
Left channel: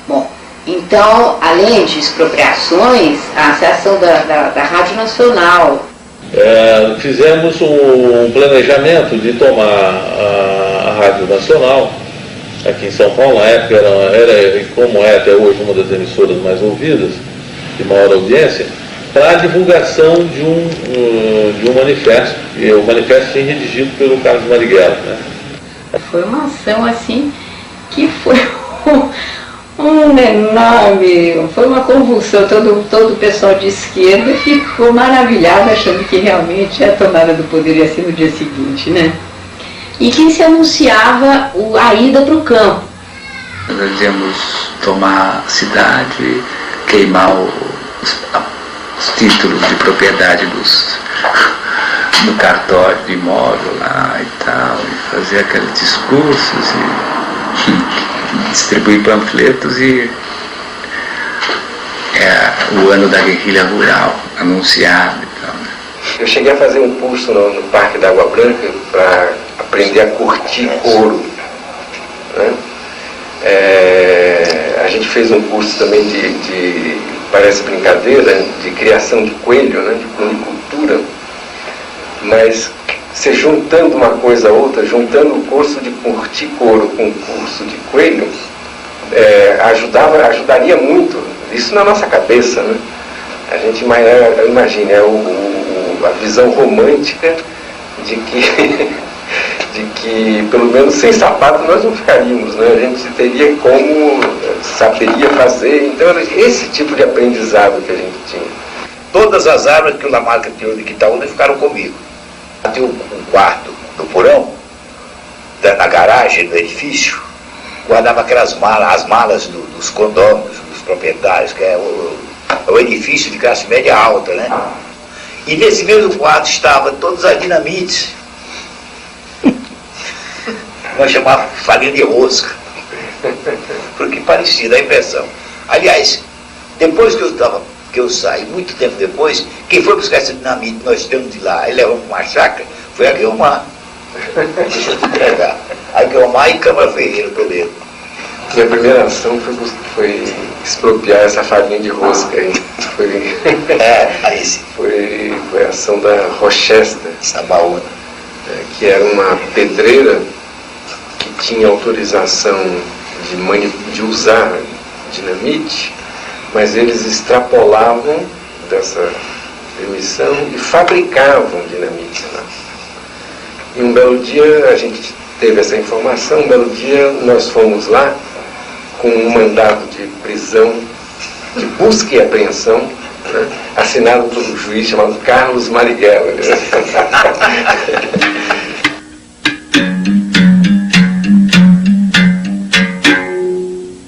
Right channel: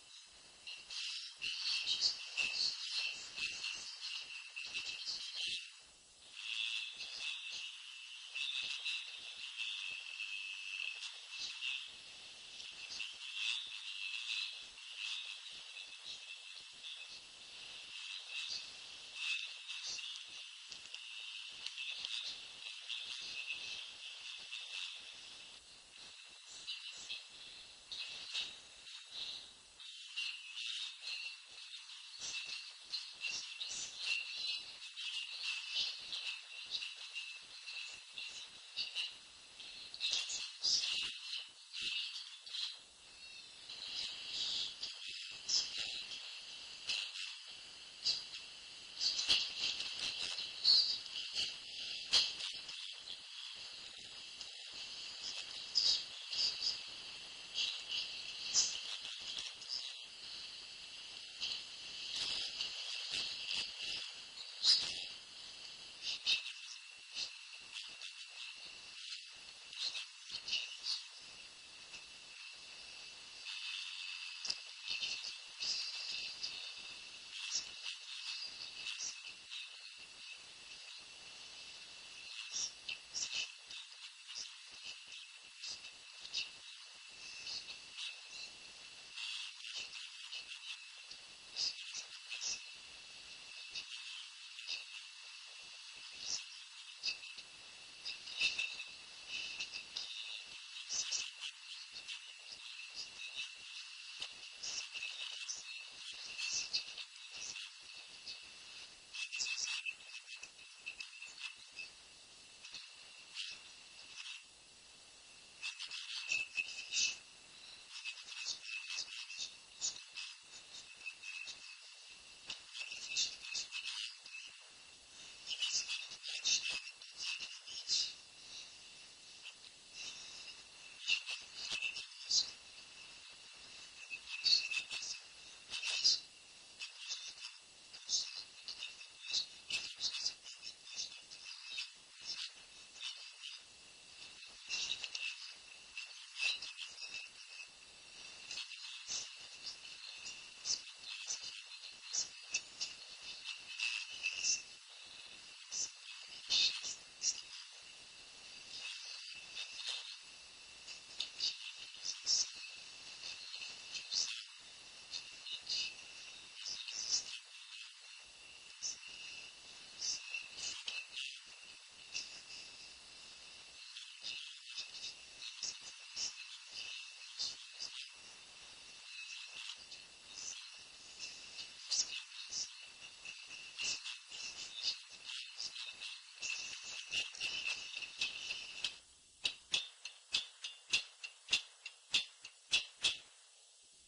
Bom, então, além de expropriações, a ação da Rádio Nacional. Fizemos um planejamento de tomar a Rádio Nacional aqui em São Paulo. Na época era como é até hoje, uma das emissoras mais ouvidas, de maior audiência, para a divulgação de um manifesto, e o manifesto foi redigido pelo Carlos Marighella, né? Foi uma ação assim que foi foi uma convulsão. Todo o pessoal de esquerda ficou maravilhado, achando que realmente a tomada do poder ia ser no dia seguinte, né? E que se anunciava a ida para o campo. Nós íamos tomar a cidade, queimar os títulos de propriedade do cartório de imóvel lá e tal, e fazer aqueles discursos e distribuir panfletos e o ano da guerrilha rural anunciado e tal. Eu cheguei a fazer um curso no Parque da Água Branca para aprender a curtir couro, né? A gente fez um curso também parece brincadeira, de criação de coelho, né? De conicultura, mas você juntando uma coisa a outra, juntando o curso de curtir couro com o curso de coelho, ajudaria muito, isso na nossa cabeça, né? A gente imagina, a visão romântica de que pelo menos sem sapato nós não ficaríamos, né? A gente teria saberia fazer, então era esse tipo de aprendizado que a gente tinha. Todas as armas que o Lamarca tirou de Quitaúna ficaram comigo. Tem um quarto no porão, na garagem do edifício, guardava aquelas malas, as malas dos condôminos, dos proprietários, que é o edifício de classe média alta, né? E nesse mesmo quarto estavam todas as dinamites. Nós chamávamos farinha de rosca, porque parecia, dá a impressão. Aliás, depois que eu saí, muito tempo depois, quem foi buscar essa dinamite nós temos de lá, aí levamos uma chácara, foi a Guilmar. Deixa eu te entregar. A Guilmar e Câmara Ferreira, Toledo. Minha primeira ação foi expropriar essa farinha de rosca aí. Foi a ação da Rochester, Sabaúna, que era uma pedreira que tinha autorização de usar dinamite, mas eles extrapolavam dessa permissão e fabricavam dinamite lá. E um belo dia a gente teve essa informação, um belo dia nós fomos lá com um mandado de prisão, de busca e apreensão, né, assinado por um juiz chamado Carlos Marighella.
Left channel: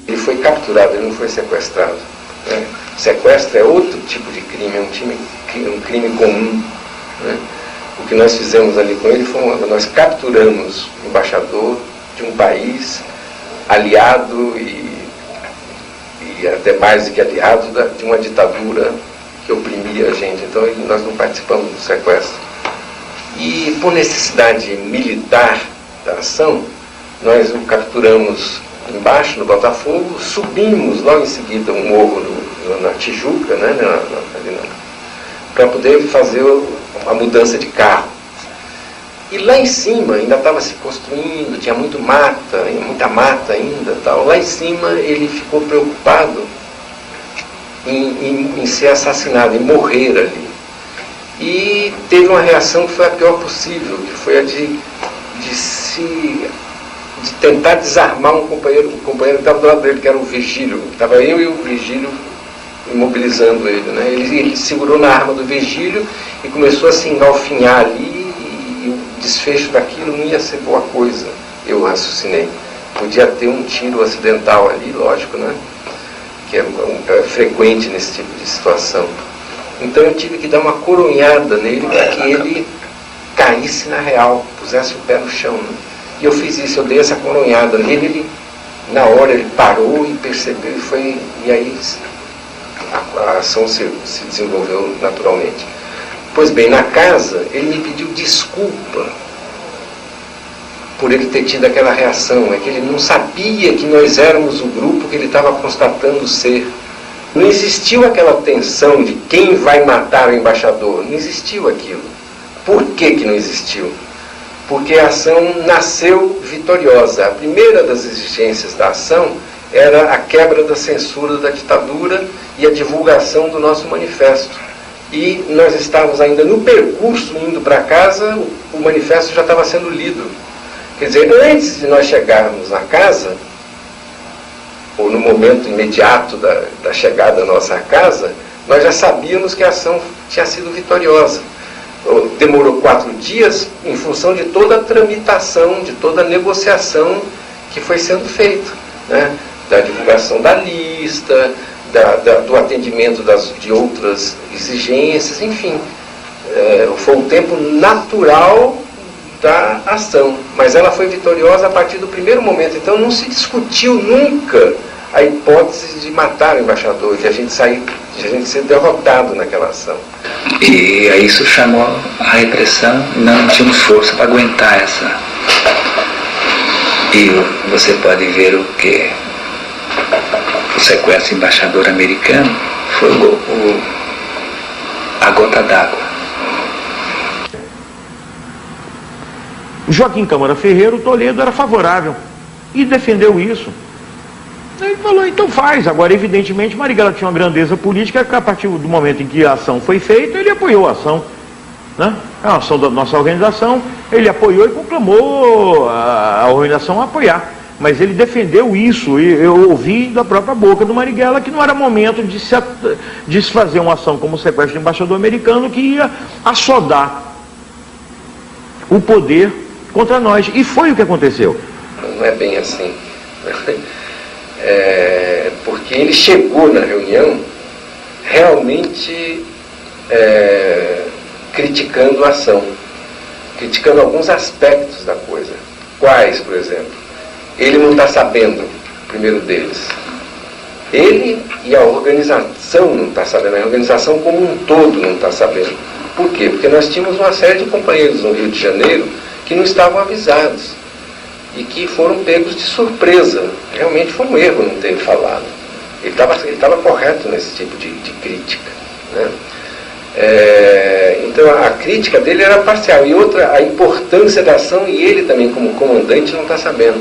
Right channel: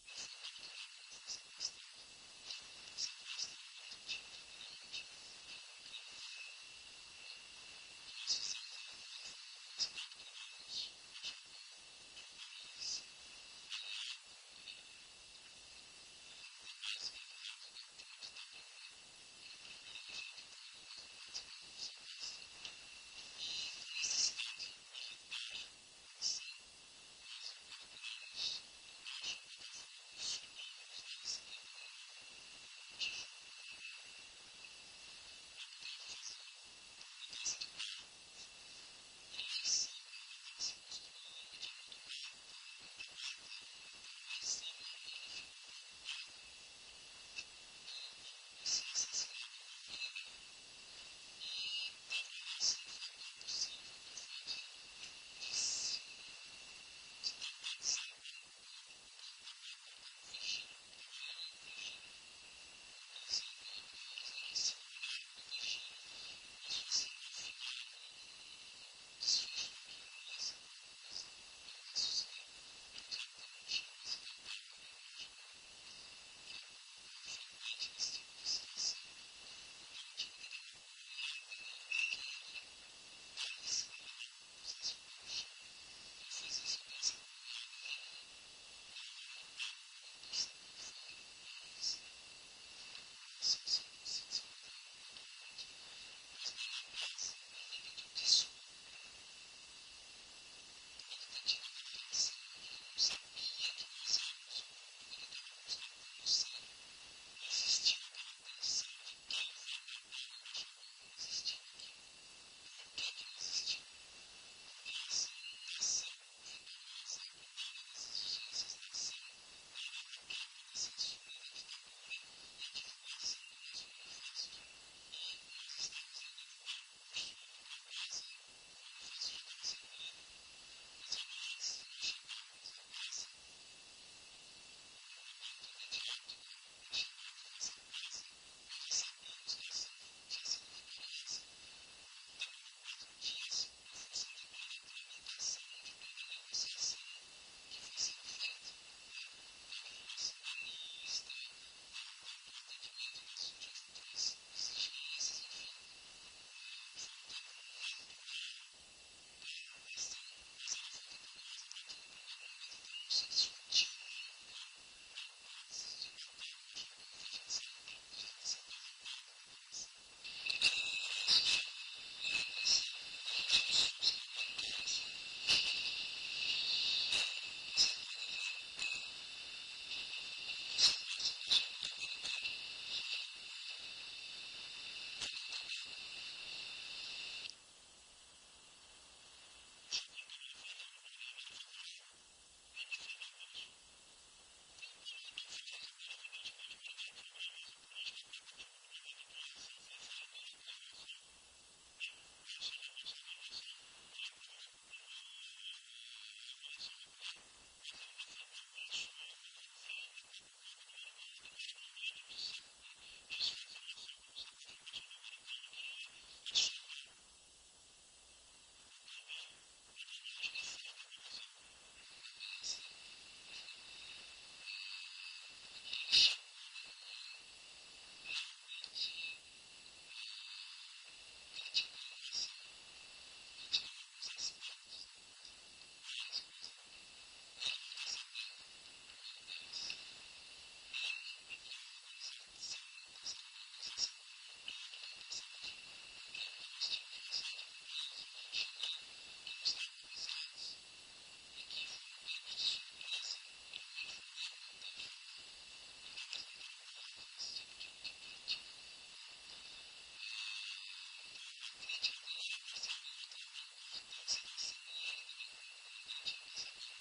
Ele foi capturado, ele não foi sequestrado, né? Sequestro é outro tipo de crime, é um crime comum, né? O que nós fizemos ali com ele nós capturamos o embaixador de um país aliado e até mais do que aliado de uma ditadura que oprimia a gente. Então nós não participamos do sequestro. E por necessidade militar da ação, nós o capturamos embaixo, no Botafogo, subimos logo em seguida um morro na Tijuca, né, para poder fazer a mudança de carro. E lá em cima ainda estava se construindo, tinha muita mata ainda, tal. Lá em cima ele ficou preocupado em ser assassinado, em morrer ali. E teve uma reação que foi a pior possível, que foi a de tentar desarmar um companheiro que estava do lado dele, que era o Virgílio. Estava eu e o Virgílio imobilizando ele, né? Ele segurou na arma do Virgílio e começou a se engalfinhar ali. O desfecho daquilo não ia ser boa coisa, eu raciocinei. Podia ter um tiro acidental ali, lógico, né? Que é frequente nesse tipo de situação. Então eu tive que dar uma coronhada nele para que ele caísse na real, pusesse o pé no chão, né? E eu fiz isso, eu dei essa coronhada nele, ele na hora ele parou e percebeu e aí a ação se desenvolveu naturalmente. Pois bem, na casa ele me pediu desculpa por ele ter tido aquela reação, é que ele não sabia que nós éramos o grupo que ele estava constatando ser. Não existiu aquela tensão de quem vai matar o embaixador, não existiu aquilo. Por que não existiu? Porque a ação nasceu vitoriosa. A primeira das exigências da ação era a quebra da censura da ditadura e a divulgação do nosso manifesto. E nós estávamos ainda no percurso indo para casa, o manifesto já estava sendo lido. Quer dizer, antes de nós chegarmos na casa, ou no momento imediato da chegada da nossa casa, nós já sabíamos que a ação tinha sido vitoriosa. Demorou 4 dias em função de toda a tramitação, de toda a negociação que foi sendo feita, né? Da divulgação da lista, do atendimento de outras exigências, enfim. Foi um tempo natural da ação, mas ela foi vitoriosa a partir do primeiro momento. Então não se discutiu nunca a hipótese de matar o embaixador, de a gente ser derrotado naquela ação. E aí isso chamou a repressão, não tínhamos força para aguentar essa. E você pode ver o que o sequestro do embaixador americano foi a gota d'água. Joaquim Câmara Ferreira, o Toledo, era favorável e defendeu isso. Ele falou, então faz. Agora, evidentemente, Marighella tinha uma grandeza política que a partir do momento em que a ação foi feita, ele apoiou a ação. Né? A ação da nossa organização, ele apoiou e conclamou a organização a apoiar. Mas ele defendeu isso, e eu ouvi da própria boca do Marighella que não era momento de se fazer uma ação como o sequestro do embaixador americano que ia assodar o poder contra nós. E foi o que aconteceu. Não é bem assim. Porque ele chegou na reunião realmente criticando a ação, criticando alguns aspectos da coisa. Quais, por exemplo? Ele não está sabendo, o primeiro deles. Ele e a organização não está sabendo, a organização como um todo não está sabendo. Por quê? Porque nós tínhamos uma série de companheiros no Rio de Janeiro que não estavam avisados e que foram pegos de surpresa. Realmente foi um erro não ter falado. Ele estava correto nesse tipo de crítica, né? Então a crítica dele era parcial. E outra, a importância da ação, e ele também como comandante não está sabendo.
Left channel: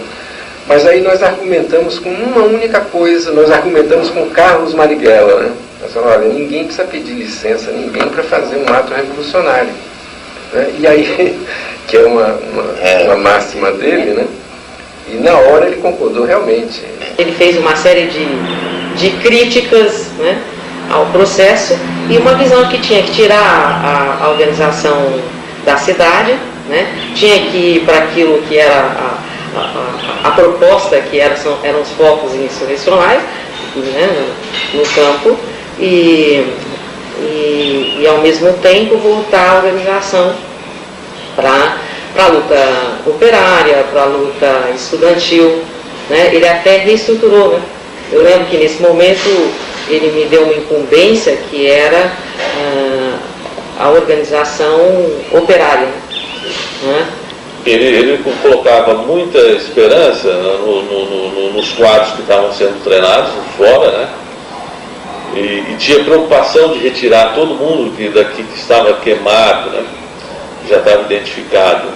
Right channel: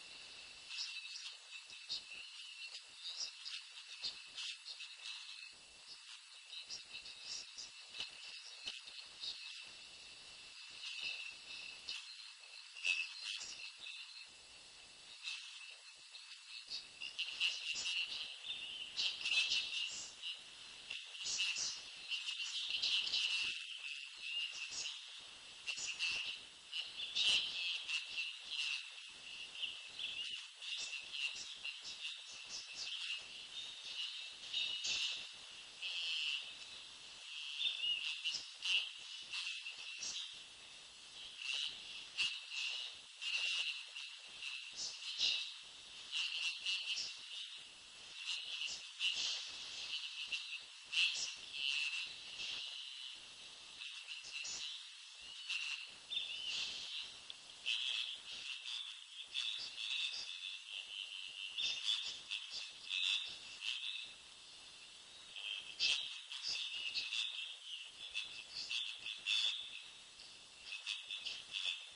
Mas aí nós argumentamos com uma única coisa, nós argumentamos com Carlos Marighella, né? Nós falamos, olha, ninguém precisa pedir licença, ninguém para fazer um ato revolucionário, né? E aí, que é uma máxima dele, né? E na hora ele concordou realmente. Ele fez uma série de críticas, né, ao processo e uma visão que tinha que tirar a organização da cidade, né? Tinha que ir para aquilo que era a proposta, que eram os focos insurrecionais, né, no campo, e ao mesmo tempo voltar a organização para a luta operária, para a luta estudantil, né? Ele até reestruturou, né? Eu lembro que nesse momento ele me deu uma incumbência que era a organização operária, né? Ele colocava muita esperança nos quadros que estavam sendo treinados fora, né? E tinha preocupação de retirar todo mundo daqui que estava queimado, né? Já estava identificado,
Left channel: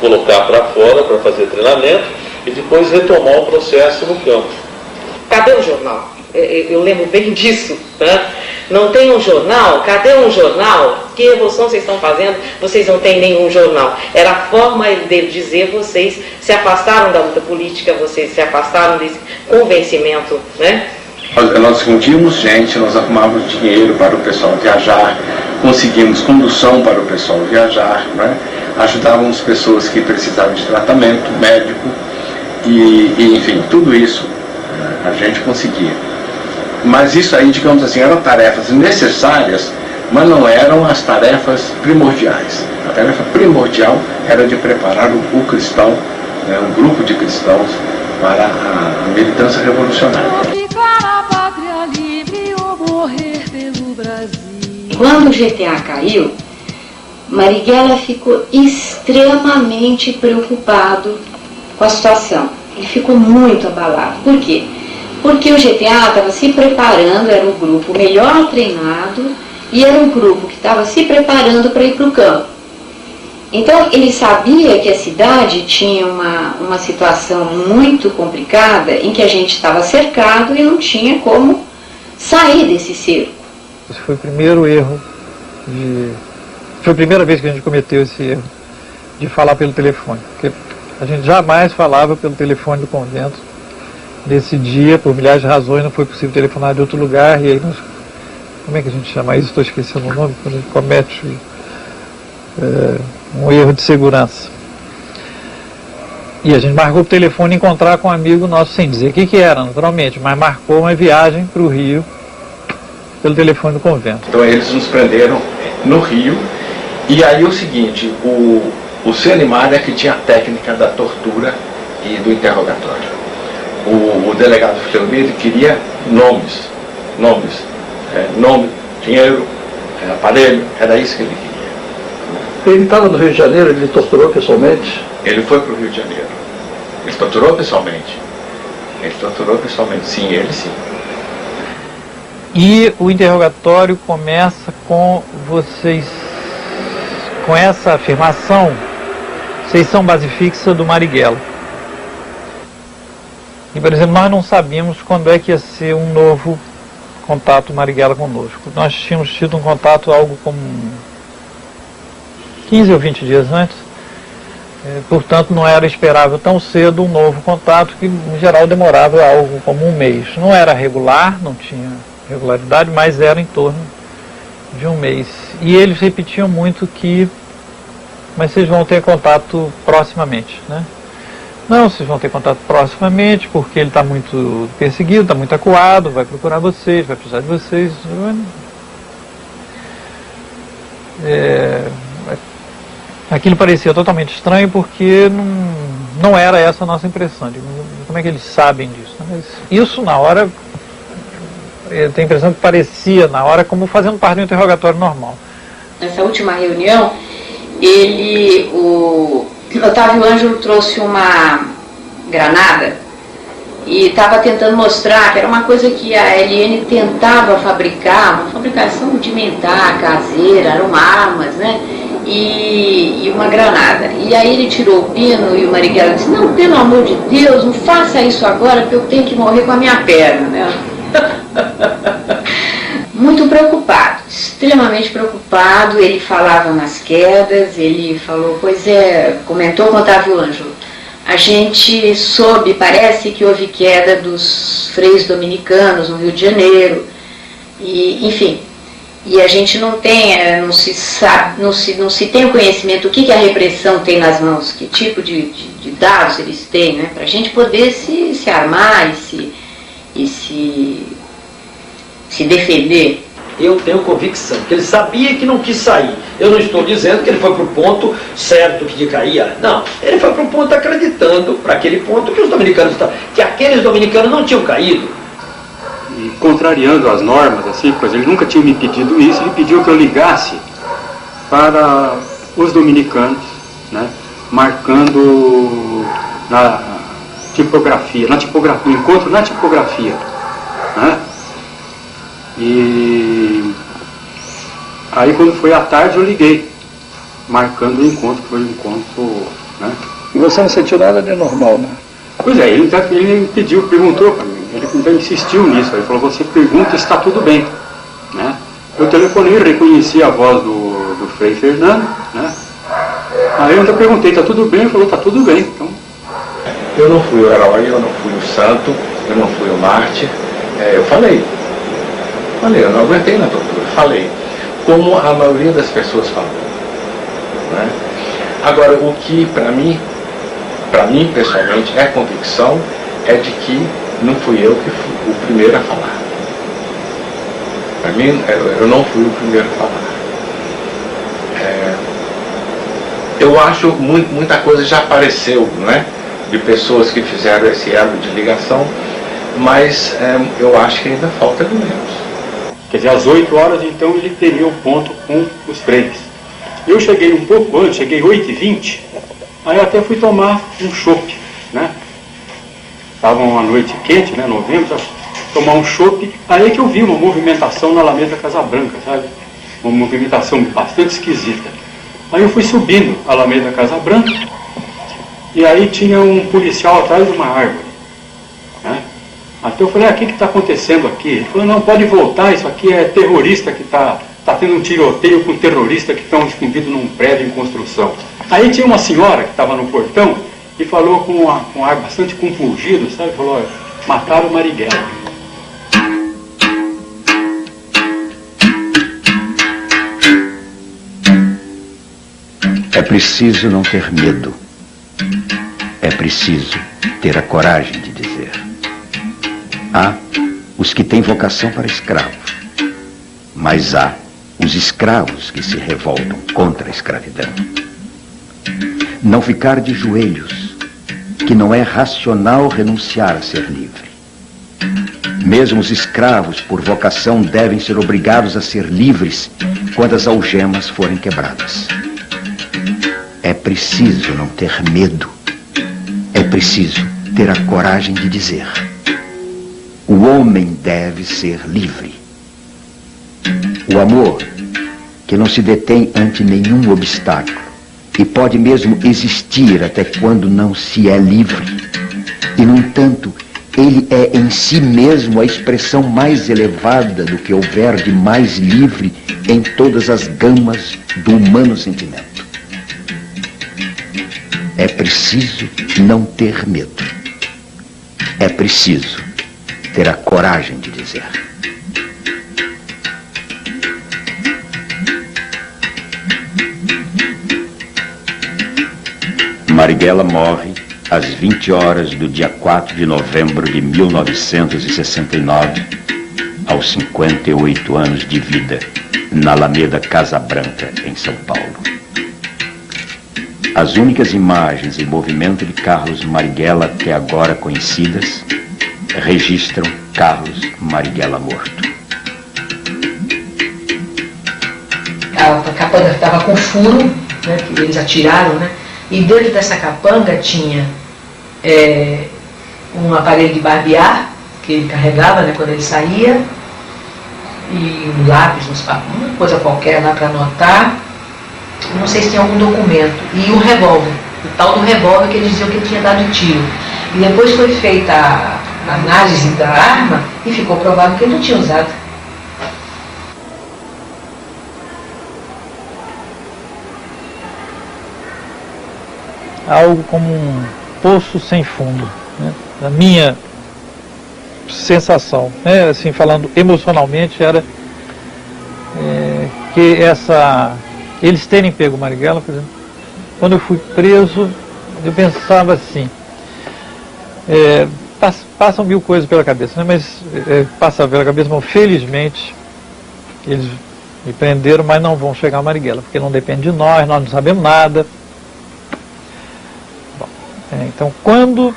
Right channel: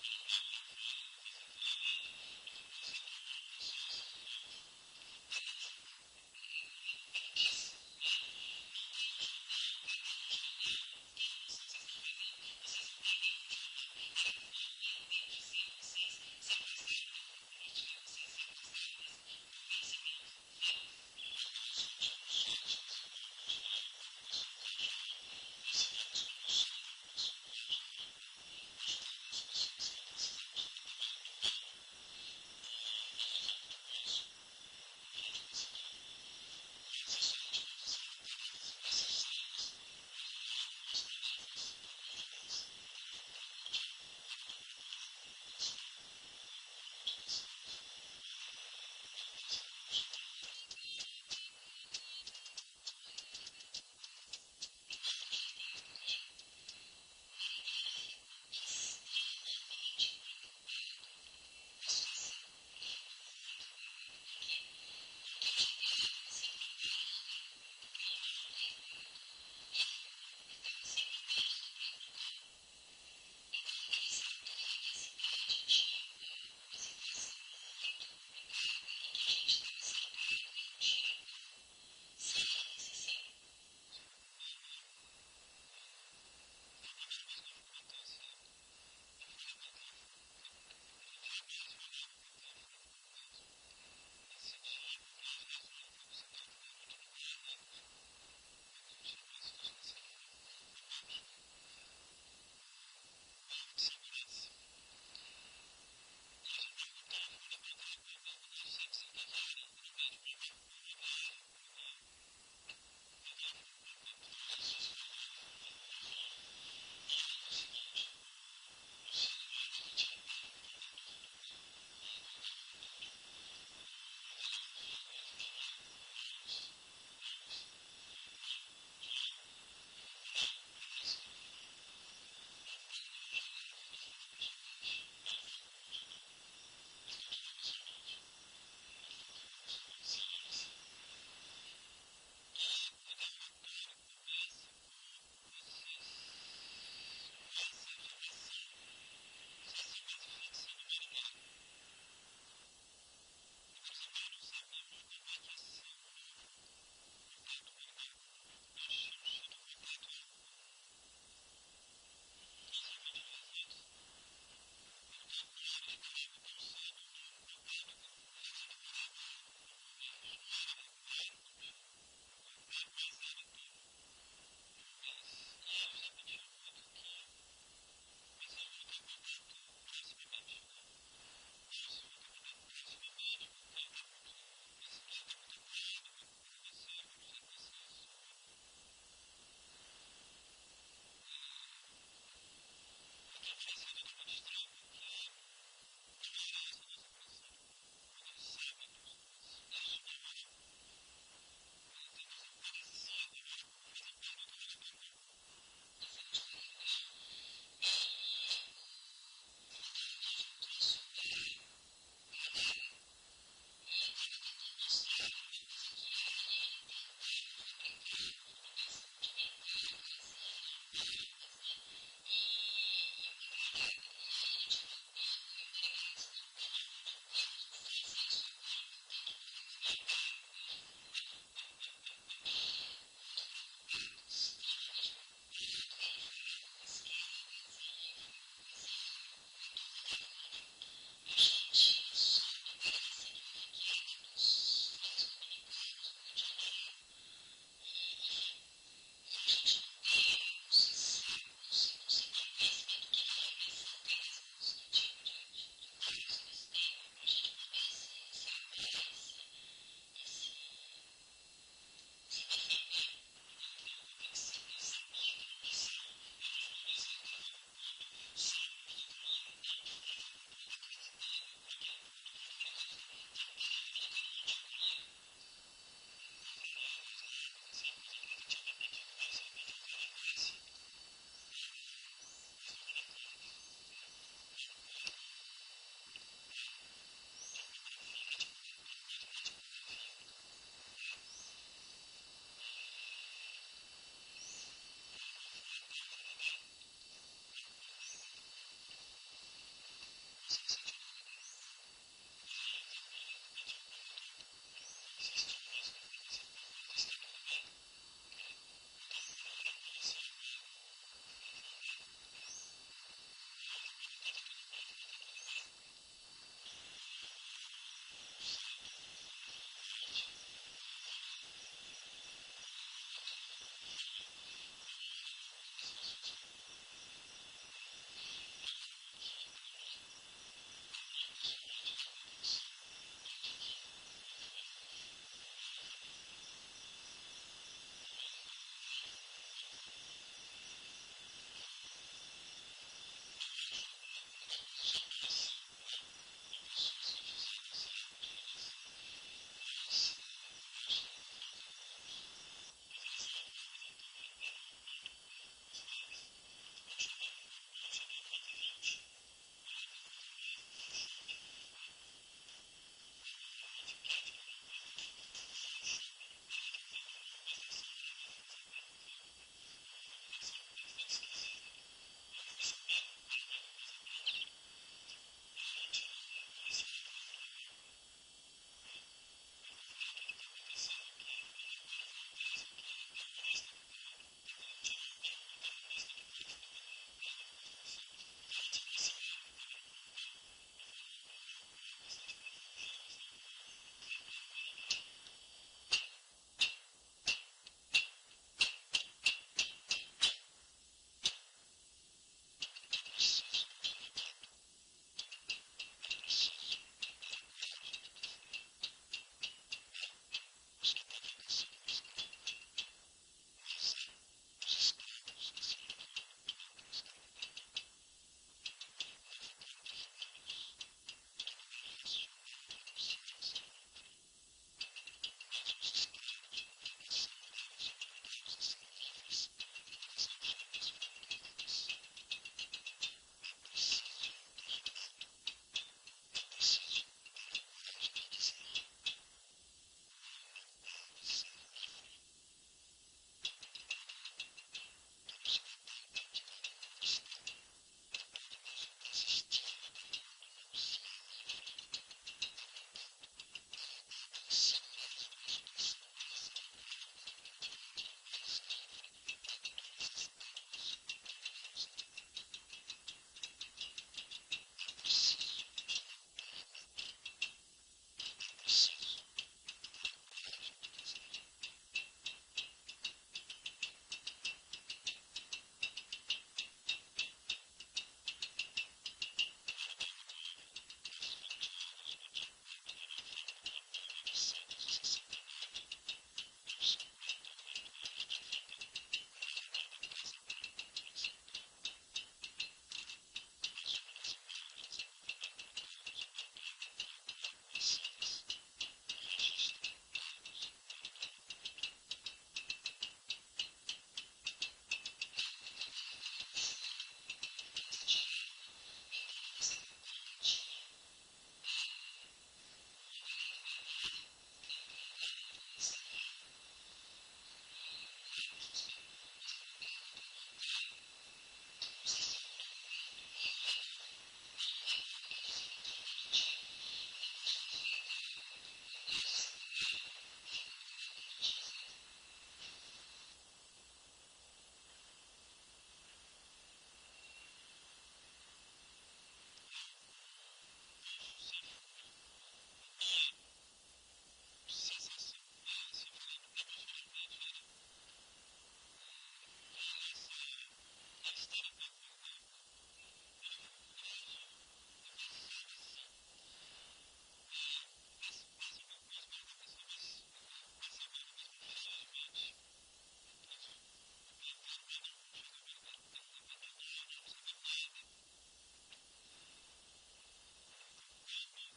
colocar para fora para fazer treinamento e depois retomar o processo no campo. Cadê o jornal? Eu lembro bem disso, né? Não tem um jornal? Cadê um jornal? Que revolução vocês estão fazendo? Vocês não têm nenhum jornal. Era a forma dele dizer, vocês se afastaram da luta política, vocês se afastaram desse convencimento, né? Nós fundimos gente, nós arrumávamos dinheiro para o pessoal viajar, conseguimos condução para o pessoal viajar, né? Ajudávamos pessoas que precisavam de tratamento médico e enfim, tudo isso a gente conseguia. Mas isso aí, digamos assim, eram tarefas necessárias, mas não eram as tarefas primordiais. A tarefa primordial era de preparar o cristão, né, um grupo de cristãos, para a militância revolucionária. Quando o GTA caiu, Marighella ficou extremamente preocupado com a situação. Ele ficou muito abalado. Por quê? Porque o GTA estava se preparando, era um grupo melhor treinado e era um grupo que estava se preparando para ir para o campo. Então ele sabia que a cidade tinha uma situação muito complicada em que a gente estava cercado e não tinha como sair desse cerco. Esse foi o primeiro erro, foi a primeira vez que a gente cometeu esse erro de falar pelo telefone, porque a gente jamais falava pelo telefone do convento. Nesse dia, por milhares de razões, não foi possível telefonar de outro lugar, e aí nós, como é que a gente chama isso? Estou esquecendo o nome, quando a gente comete um erro de segurança. E a gente marcou o telefone encontrar com um amigo nosso, sem dizer o que era, naturalmente, mas marcou uma viagem para o Rio pelo telefone do convento. Então eles nos prenderam no Rio, e aí o seguinte, o Senimar é que tinha a técnica da tortura e do interrogatório. O delegado Fidelmeiro queria nomes, nome, dinheiro, aparelho, era isso que ele queria. Ele estava no Rio de Janeiro, ele torturou pessoalmente? Ele foi para o Rio de Janeiro. Ele torturou pessoalmente. Sim, ele sim. E o interrogatório começa com vocês, com essa afirmação, vocês são base fixa do Marighella. E, por exemplo, nós não sabíamos quando é que ia ser um novo contato Marighella conosco. Nós tínhamos tido um contato algo como 15 ou 20 dias antes. Portanto, não era esperável tão cedo um novo contato, que em geral demorava algo como um mês. Não era regular, não tinha regularidade, mas era em torno de um mês. E eles repetiam muito que, mas vocês vão ter contato proximamente, né? Não, vocês vão ter contato proximamente, porque ele está muito perseguido, está muito acuado, vai procurar vocês, vai precisar de vocês. Aquilo parecia totalmente estranho, porque não era essa a nossa impressão. Como é que eles sabem disso? Mas isso, na hora, eu tenho a impressão que parecia, na hora, como fazendo parte do interrogatório normal. Nessa última reunião, o Otávio Ângelo trouxe uma granada e estava tentando mostrar que era uma coisa que a LN tentava fabricar, uma fabricação rudimentar, caseira, eram armas, né? E uma granada. E aí ele tirou o pino e o Marighella disse: não, pelo amor de Deus, não faça isso agora, porque eu tenho que morrer com a minha perna, né? Muito preocupado, extremamente preocupado. Ele falava nas quedas, ele falou, comentou com Otávio Ângelo, a gente soube, parece que houve queda dos freios dominicanos no Rio de Janeiro, e, enfim, e a gente não tem, não se tem o conhecimento do que a repressão tem nas mãos, que tipo de dados eles têm, né, para a gente poder se armar e se defender. Eu tenho convicção que ele sabia que não quis sair. Eu não estou dizendo que ele foi para o ponto certo que de cair. Não, ele foi para o ponto acreditando, para aquele ponto que os dominicanos estavam, que aqueles dominicanos não tinham caído. E contrariando as normas, assim, pois ele nunca tinha me pedido isso, ele pediu que eu ligasse para os dominicanos, né, marcando na tipografia, encontro na tipografia, né? E aí quando foi à tarde eu liguei, marcando o encontro, que foi um encontro, né? E você não sentiu nada de normal, né? Pois é, ele perguntou para mim, ele então insistiu nisso, ele falou, você pergunta se está tudo bem, né? Eu telefonei, reconheci a voz do Frei Fernando, né? Aí eu ainda perguntei, está tudo bem? Ele falou, está tudo bem, então... Eu não fui o herói, eu não fui o santo, eu não fui o mártir, eu falei, eu não aguentei na tortura, falei, como a maioria das pessoas falou, né? Agora, o que para mim pessoalmente é convicção, é de que não fui eu que fui o primeiro a falar. Para mim, eu não fui o primeiro a falar. Eu acho muita coisa já apareceu, né? de pessoas que fizeram esse elo de ligação, mas eu acho que ainda falta elementos. Quer dizer, às 8 horas, então, ele teria o ponto com os trens. Eu cheguei um pouco antes, cheguei 8h20, aí eu até fui tomar um chopp, né? Estava uma noite quente, né, novembro, tomar um chopp, aí que eu vi uma movimentação na Alameda Casa Branca, sabe? Uma movimentação bastante esquisita. Aí eu fui subindo a Alameda Casa Branca, e aí tinha um policial atrás de uma árvore, né? Até eu falei, o que está acontecendo aqui? Ele falou, não, pode voltar, isso aqui é terrorista que está tendo um tiroteio com terroristas que estão escondidos num prédio em construção. Aí tinha uma senhora que estava no portão e falou com um ar bastante compungido, sabe? Falou, mataram o Marighella. É preciso não ter medo. É preciso ter a coragem de dizer. Há os que têm vocação para escravo, mas há os escravos que se revoltam contra a escravidão. Não ficar de joelhos, que não é racional renunciar a ser livre. Mesmo os escravos, por vocação, devem ser obrigados a ser livres quando as algemas forem quebradas. É preciso não ter medo. É preciso ter a coragem de dizer. O homem deve ser livre. O amor, que não se detém ante nenhum obstáculo e pode mesmo existir até quando não se é livre. E, no entanto, ele é em si mesmo a expressão mais elevada do que houver de mais livre em todas as gamas do humano sentimento. É preciso não ter medo. É preciso ter a coragem de dizer. Marighella morre às 20 horas do dia 4 de novembro de 1969, aos 58 anos de vida, na Alameda Casa Branca, em São Paulo. As únicas imagens em movimento de Carlos Marighella até agora conhecidas registram Carlos Marighella morto. A capanga estava com furo, né, que eles atiraram, né? E dentro dessa capanga tinha um aparelho de barbear, que ele carregava, né, quando ele saía, e um lápis, uma coisa qualquer lá para anotar. Não sei se tinha algum documento. E um revólver, o tal do revólver que eles diziam que ele tinha dado tiro. E depois foi feita a análise da arma e ficou provado que ele não tinha usado. Algo como um poço sem fundo, né? A minha sensação, né? Assim, falando emocionalmente, era que eles terem pego o Marighella, por exemplo, quando eu fui preso, eu pensava assim, passam mil coisas pela cabeça, né? Mas passa pela cabeça, mas felizmente eles me prenderam, mas não vão chegar ao Marighella, porque não depende de nós não sabemos nada. Então, quando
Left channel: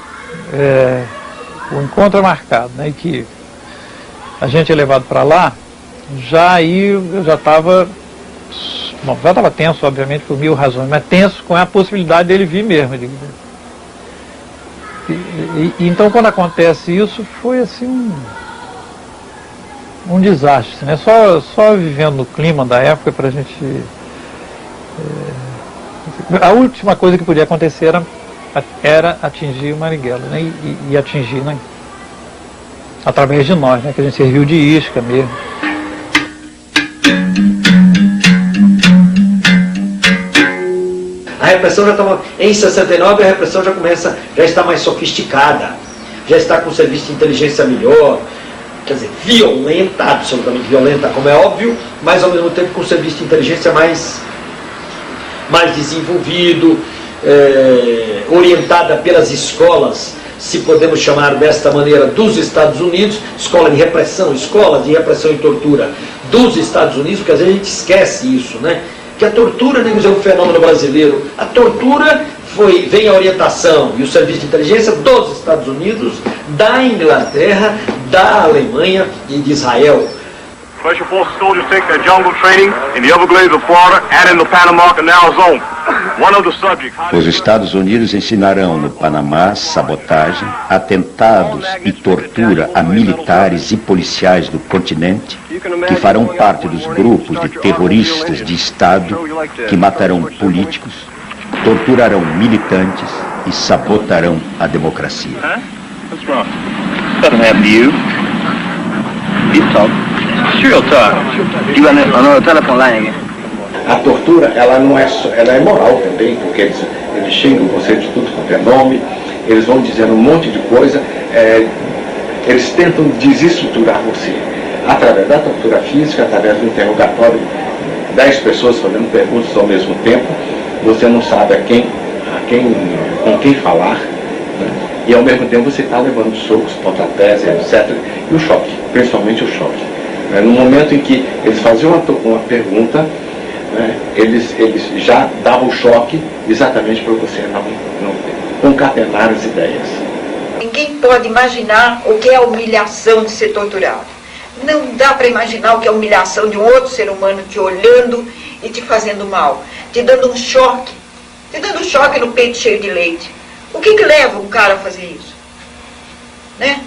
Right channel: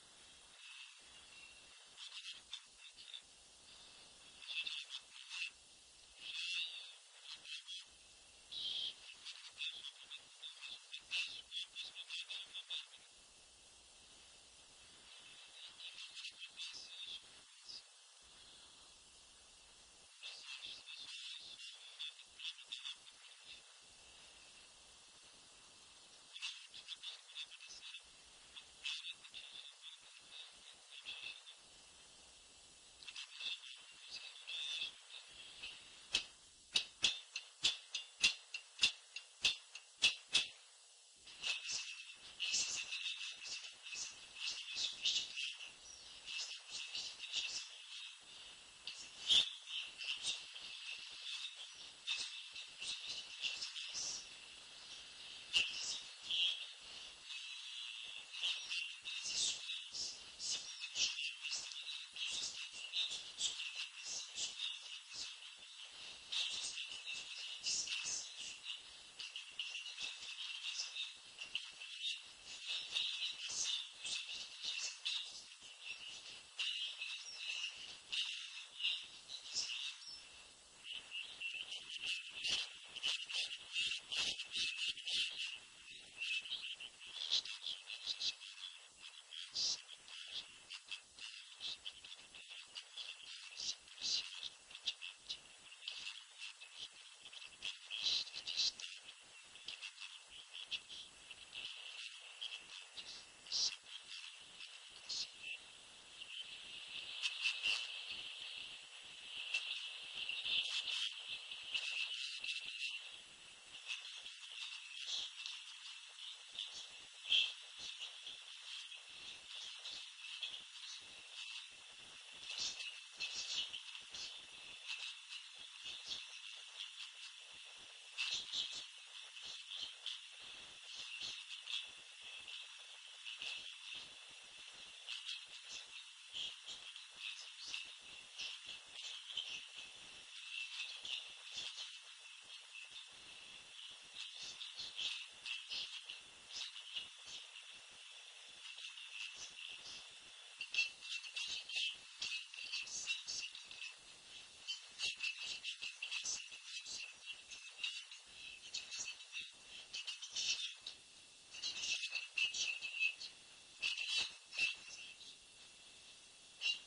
o encontro é marcado, né, e que a gente é levado para lá, eu já estava tenso, obviamente, por mil razões, mas tenso com a possibilidade dele vir mesmo. Então, quando acontece isso, foi assim um desastre, né? Só vivendo no clima da época para a gente... a última coisa que podia acontecer era atingir o Marighella, né? E atingir, né? Através de nós, né? Que a gente serviu de isca mesmo. A repressão já estava, em 69 a repressão já está mais sofisticada, já está com o serviço de inteligência melhor, quer dizer, violenta, absolutamente violenta, como é óbvio, mas ao mesmo tempo com o serviço de inteligência mais desenvolvido, orientada pelas escolas, se podemos chamar desta maneira, dos Estados Unidos, escolas de repressão e tortura dos Estados Unidos, porque às vezes a gente esquece isso, né? Que a tortura nem é um fenômeno brasileiro. A tortura vem a orientação e o serviço de inteligência dos Estados Unidos, da Inglaterra, da Alemanha e de Israel. Special Forces soldiers take their jungle training in the Everglades of Florida and in the Panama Canal Zone. One of the subjects... Os Estados Unidos ensinarão no Panamá sabotagem, atentados e tortura a militares e policiais do continente que farão parte dos grupos de terroristas de Estado que matarão políticos, torturarão militantes e sabotarão a democracia. A tortura, ela não é só, ela é moral também, porque eles xingam você de tudo quanto é nome, eles vão dizendo um monte de coisa, eles tentam desestruturar você. Através da tortura física, através do interrogatório, 10 pessoas fazendo perguntas ao mesmo tempo, você não sabe com quem falar, né? E ao mesmo tempo você está levando socos, pontapés, etc. E o choque, principalmente o choque. No momento em que eles faziam uma pergunta, né, eles já davam o choque exatamente para você não concatenar as ideias. Ninguém pode imaginar o que é a humilhação de ser torturado. Não dá para imaginar o que é a humilhação de um outro ser humano te olhando e te fazendo mal, te dando um choque no peito cheio de leite. O que leva um cara a fazer isso? Né?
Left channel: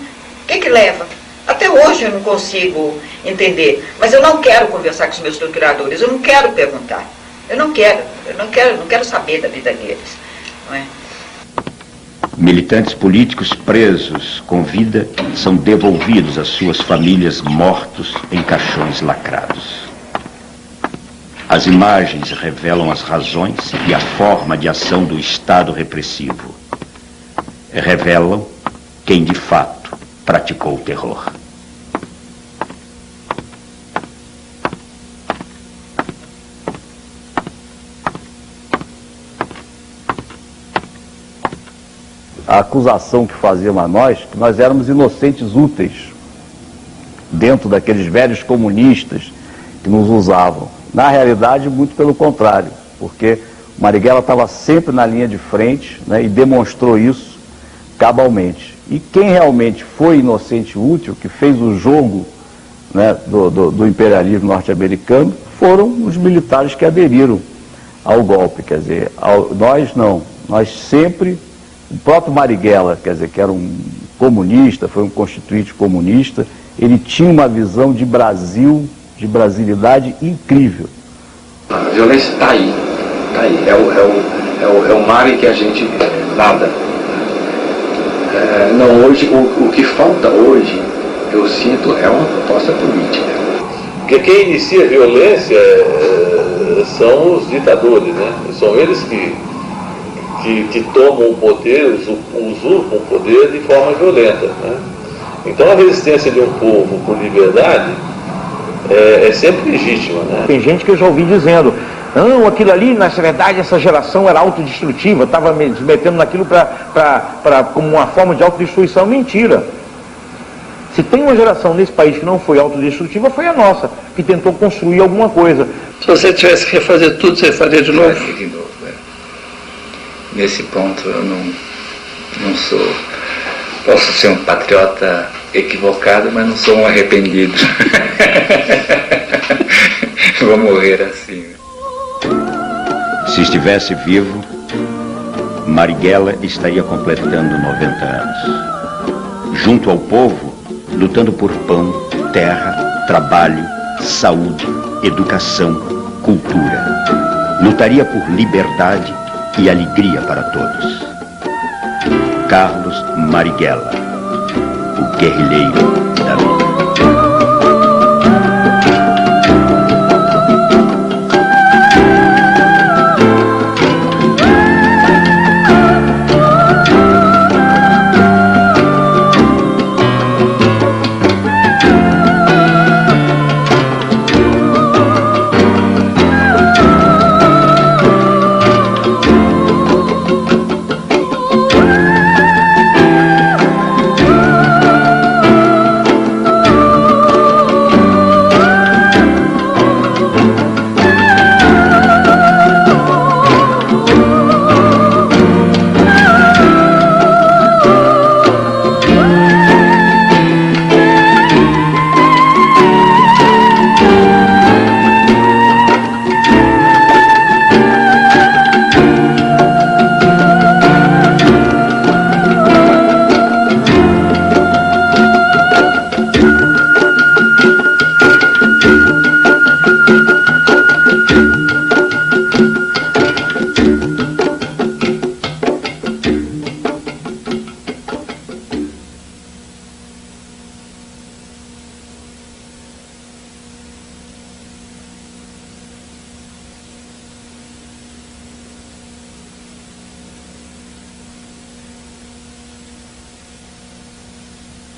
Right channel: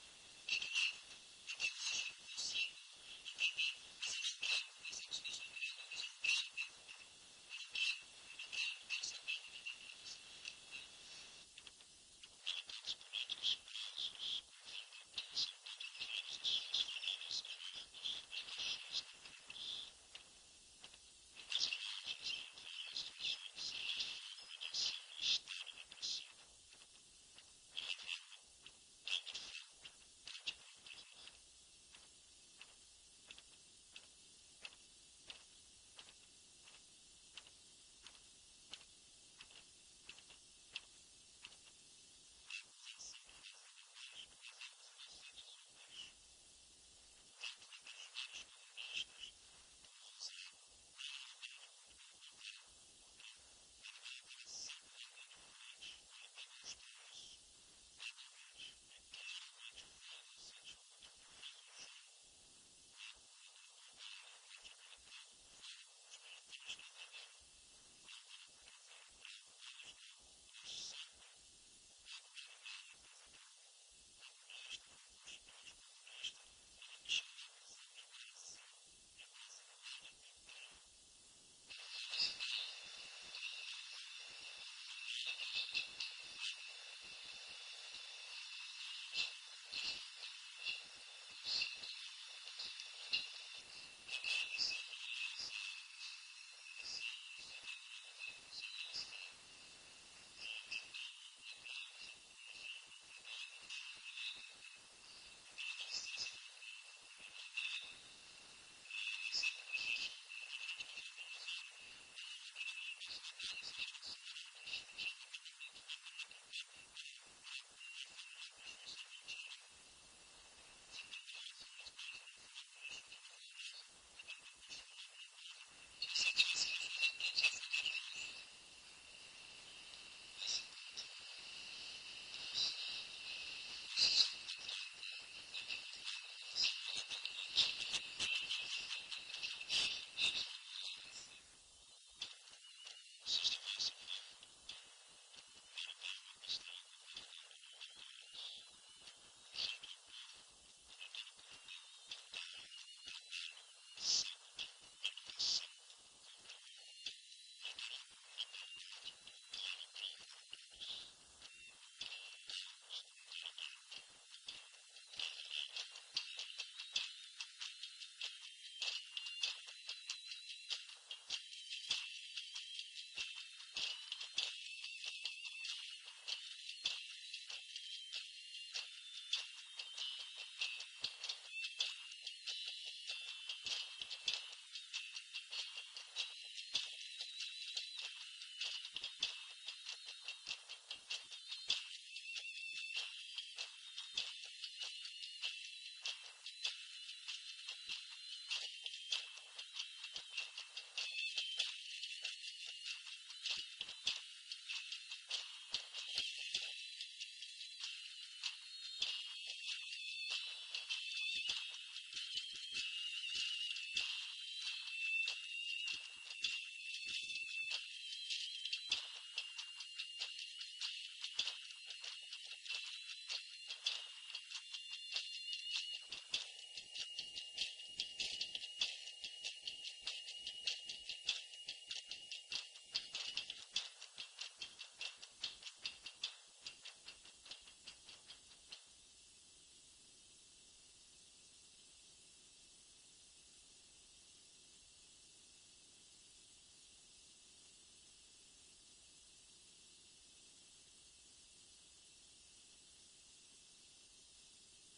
O que leva? Até hoje eu não consigo entender, mas eu não quero conversar com os meus torturadores, eu não quero perguntar, eu não quero saber da vida deles, não é? Militantes políticos presos com vida são devolvidos às suas famílias mortos em caixões lacrados. As imagens revelam as razões e a forma de ação do Estado repressivo. Revelam quem de fato praticou o terror. A acusação que faziam a nós, que nós éramos inocentes úteis, dentro daqueles velhos comunistas que nos usavam. Na realidade, muito pelo contrário, porque o Marighella estava sempre na linha de frente, né, e demonstrou isso cabalmente. E quem realmente foi inocente útil, que fez o jogo, né, do imperialismo norte-americano, foram os militares que aderiram ao golpe. Quer dizer, nós não, nós sempre... O próprio Marighella, quer dizer, que era um comunista, foi um constituinte comunista, ele tinha uma visão de Brasil, de brasilidade incrível. A violência está aí, é o mar em que a gente nada. Não, hoje, o que falta hoje, eu sinto, é uma proposta política. Porque quem inicia a violência são os ditadores, né? São eles que tomam o poder, usurpam o poder de forma violenta, né? Então a resistência de um povo por liberdade é sempre legítima, né? Tem gente que eu já ouvi dizendo, não, aquilo ali, na verdade, essa geração era autodestrutiva, estava me metendo naquilo como uma forma de autodestruição. Mentira. Se tem uma geração nesse país que não foi autodestrutiva, foi a nossa, que tentou construir alguma coisa. Se você tivesse que refazer tudo, você faria de novo? De novo, Nesse ponto eu não sou... Posso ser um patriota equivocado, mas não sou um arrependido. Vou morrer assim. Se estivesse vivo, Marighella estaria completando 90 anos. Junto ao povo, lutando por pão, terra, trabalho, saúde, educação, cultura. Lutaria por liberdade e alegria para todos. Carlos Marighella, o guerrilheiro da vida.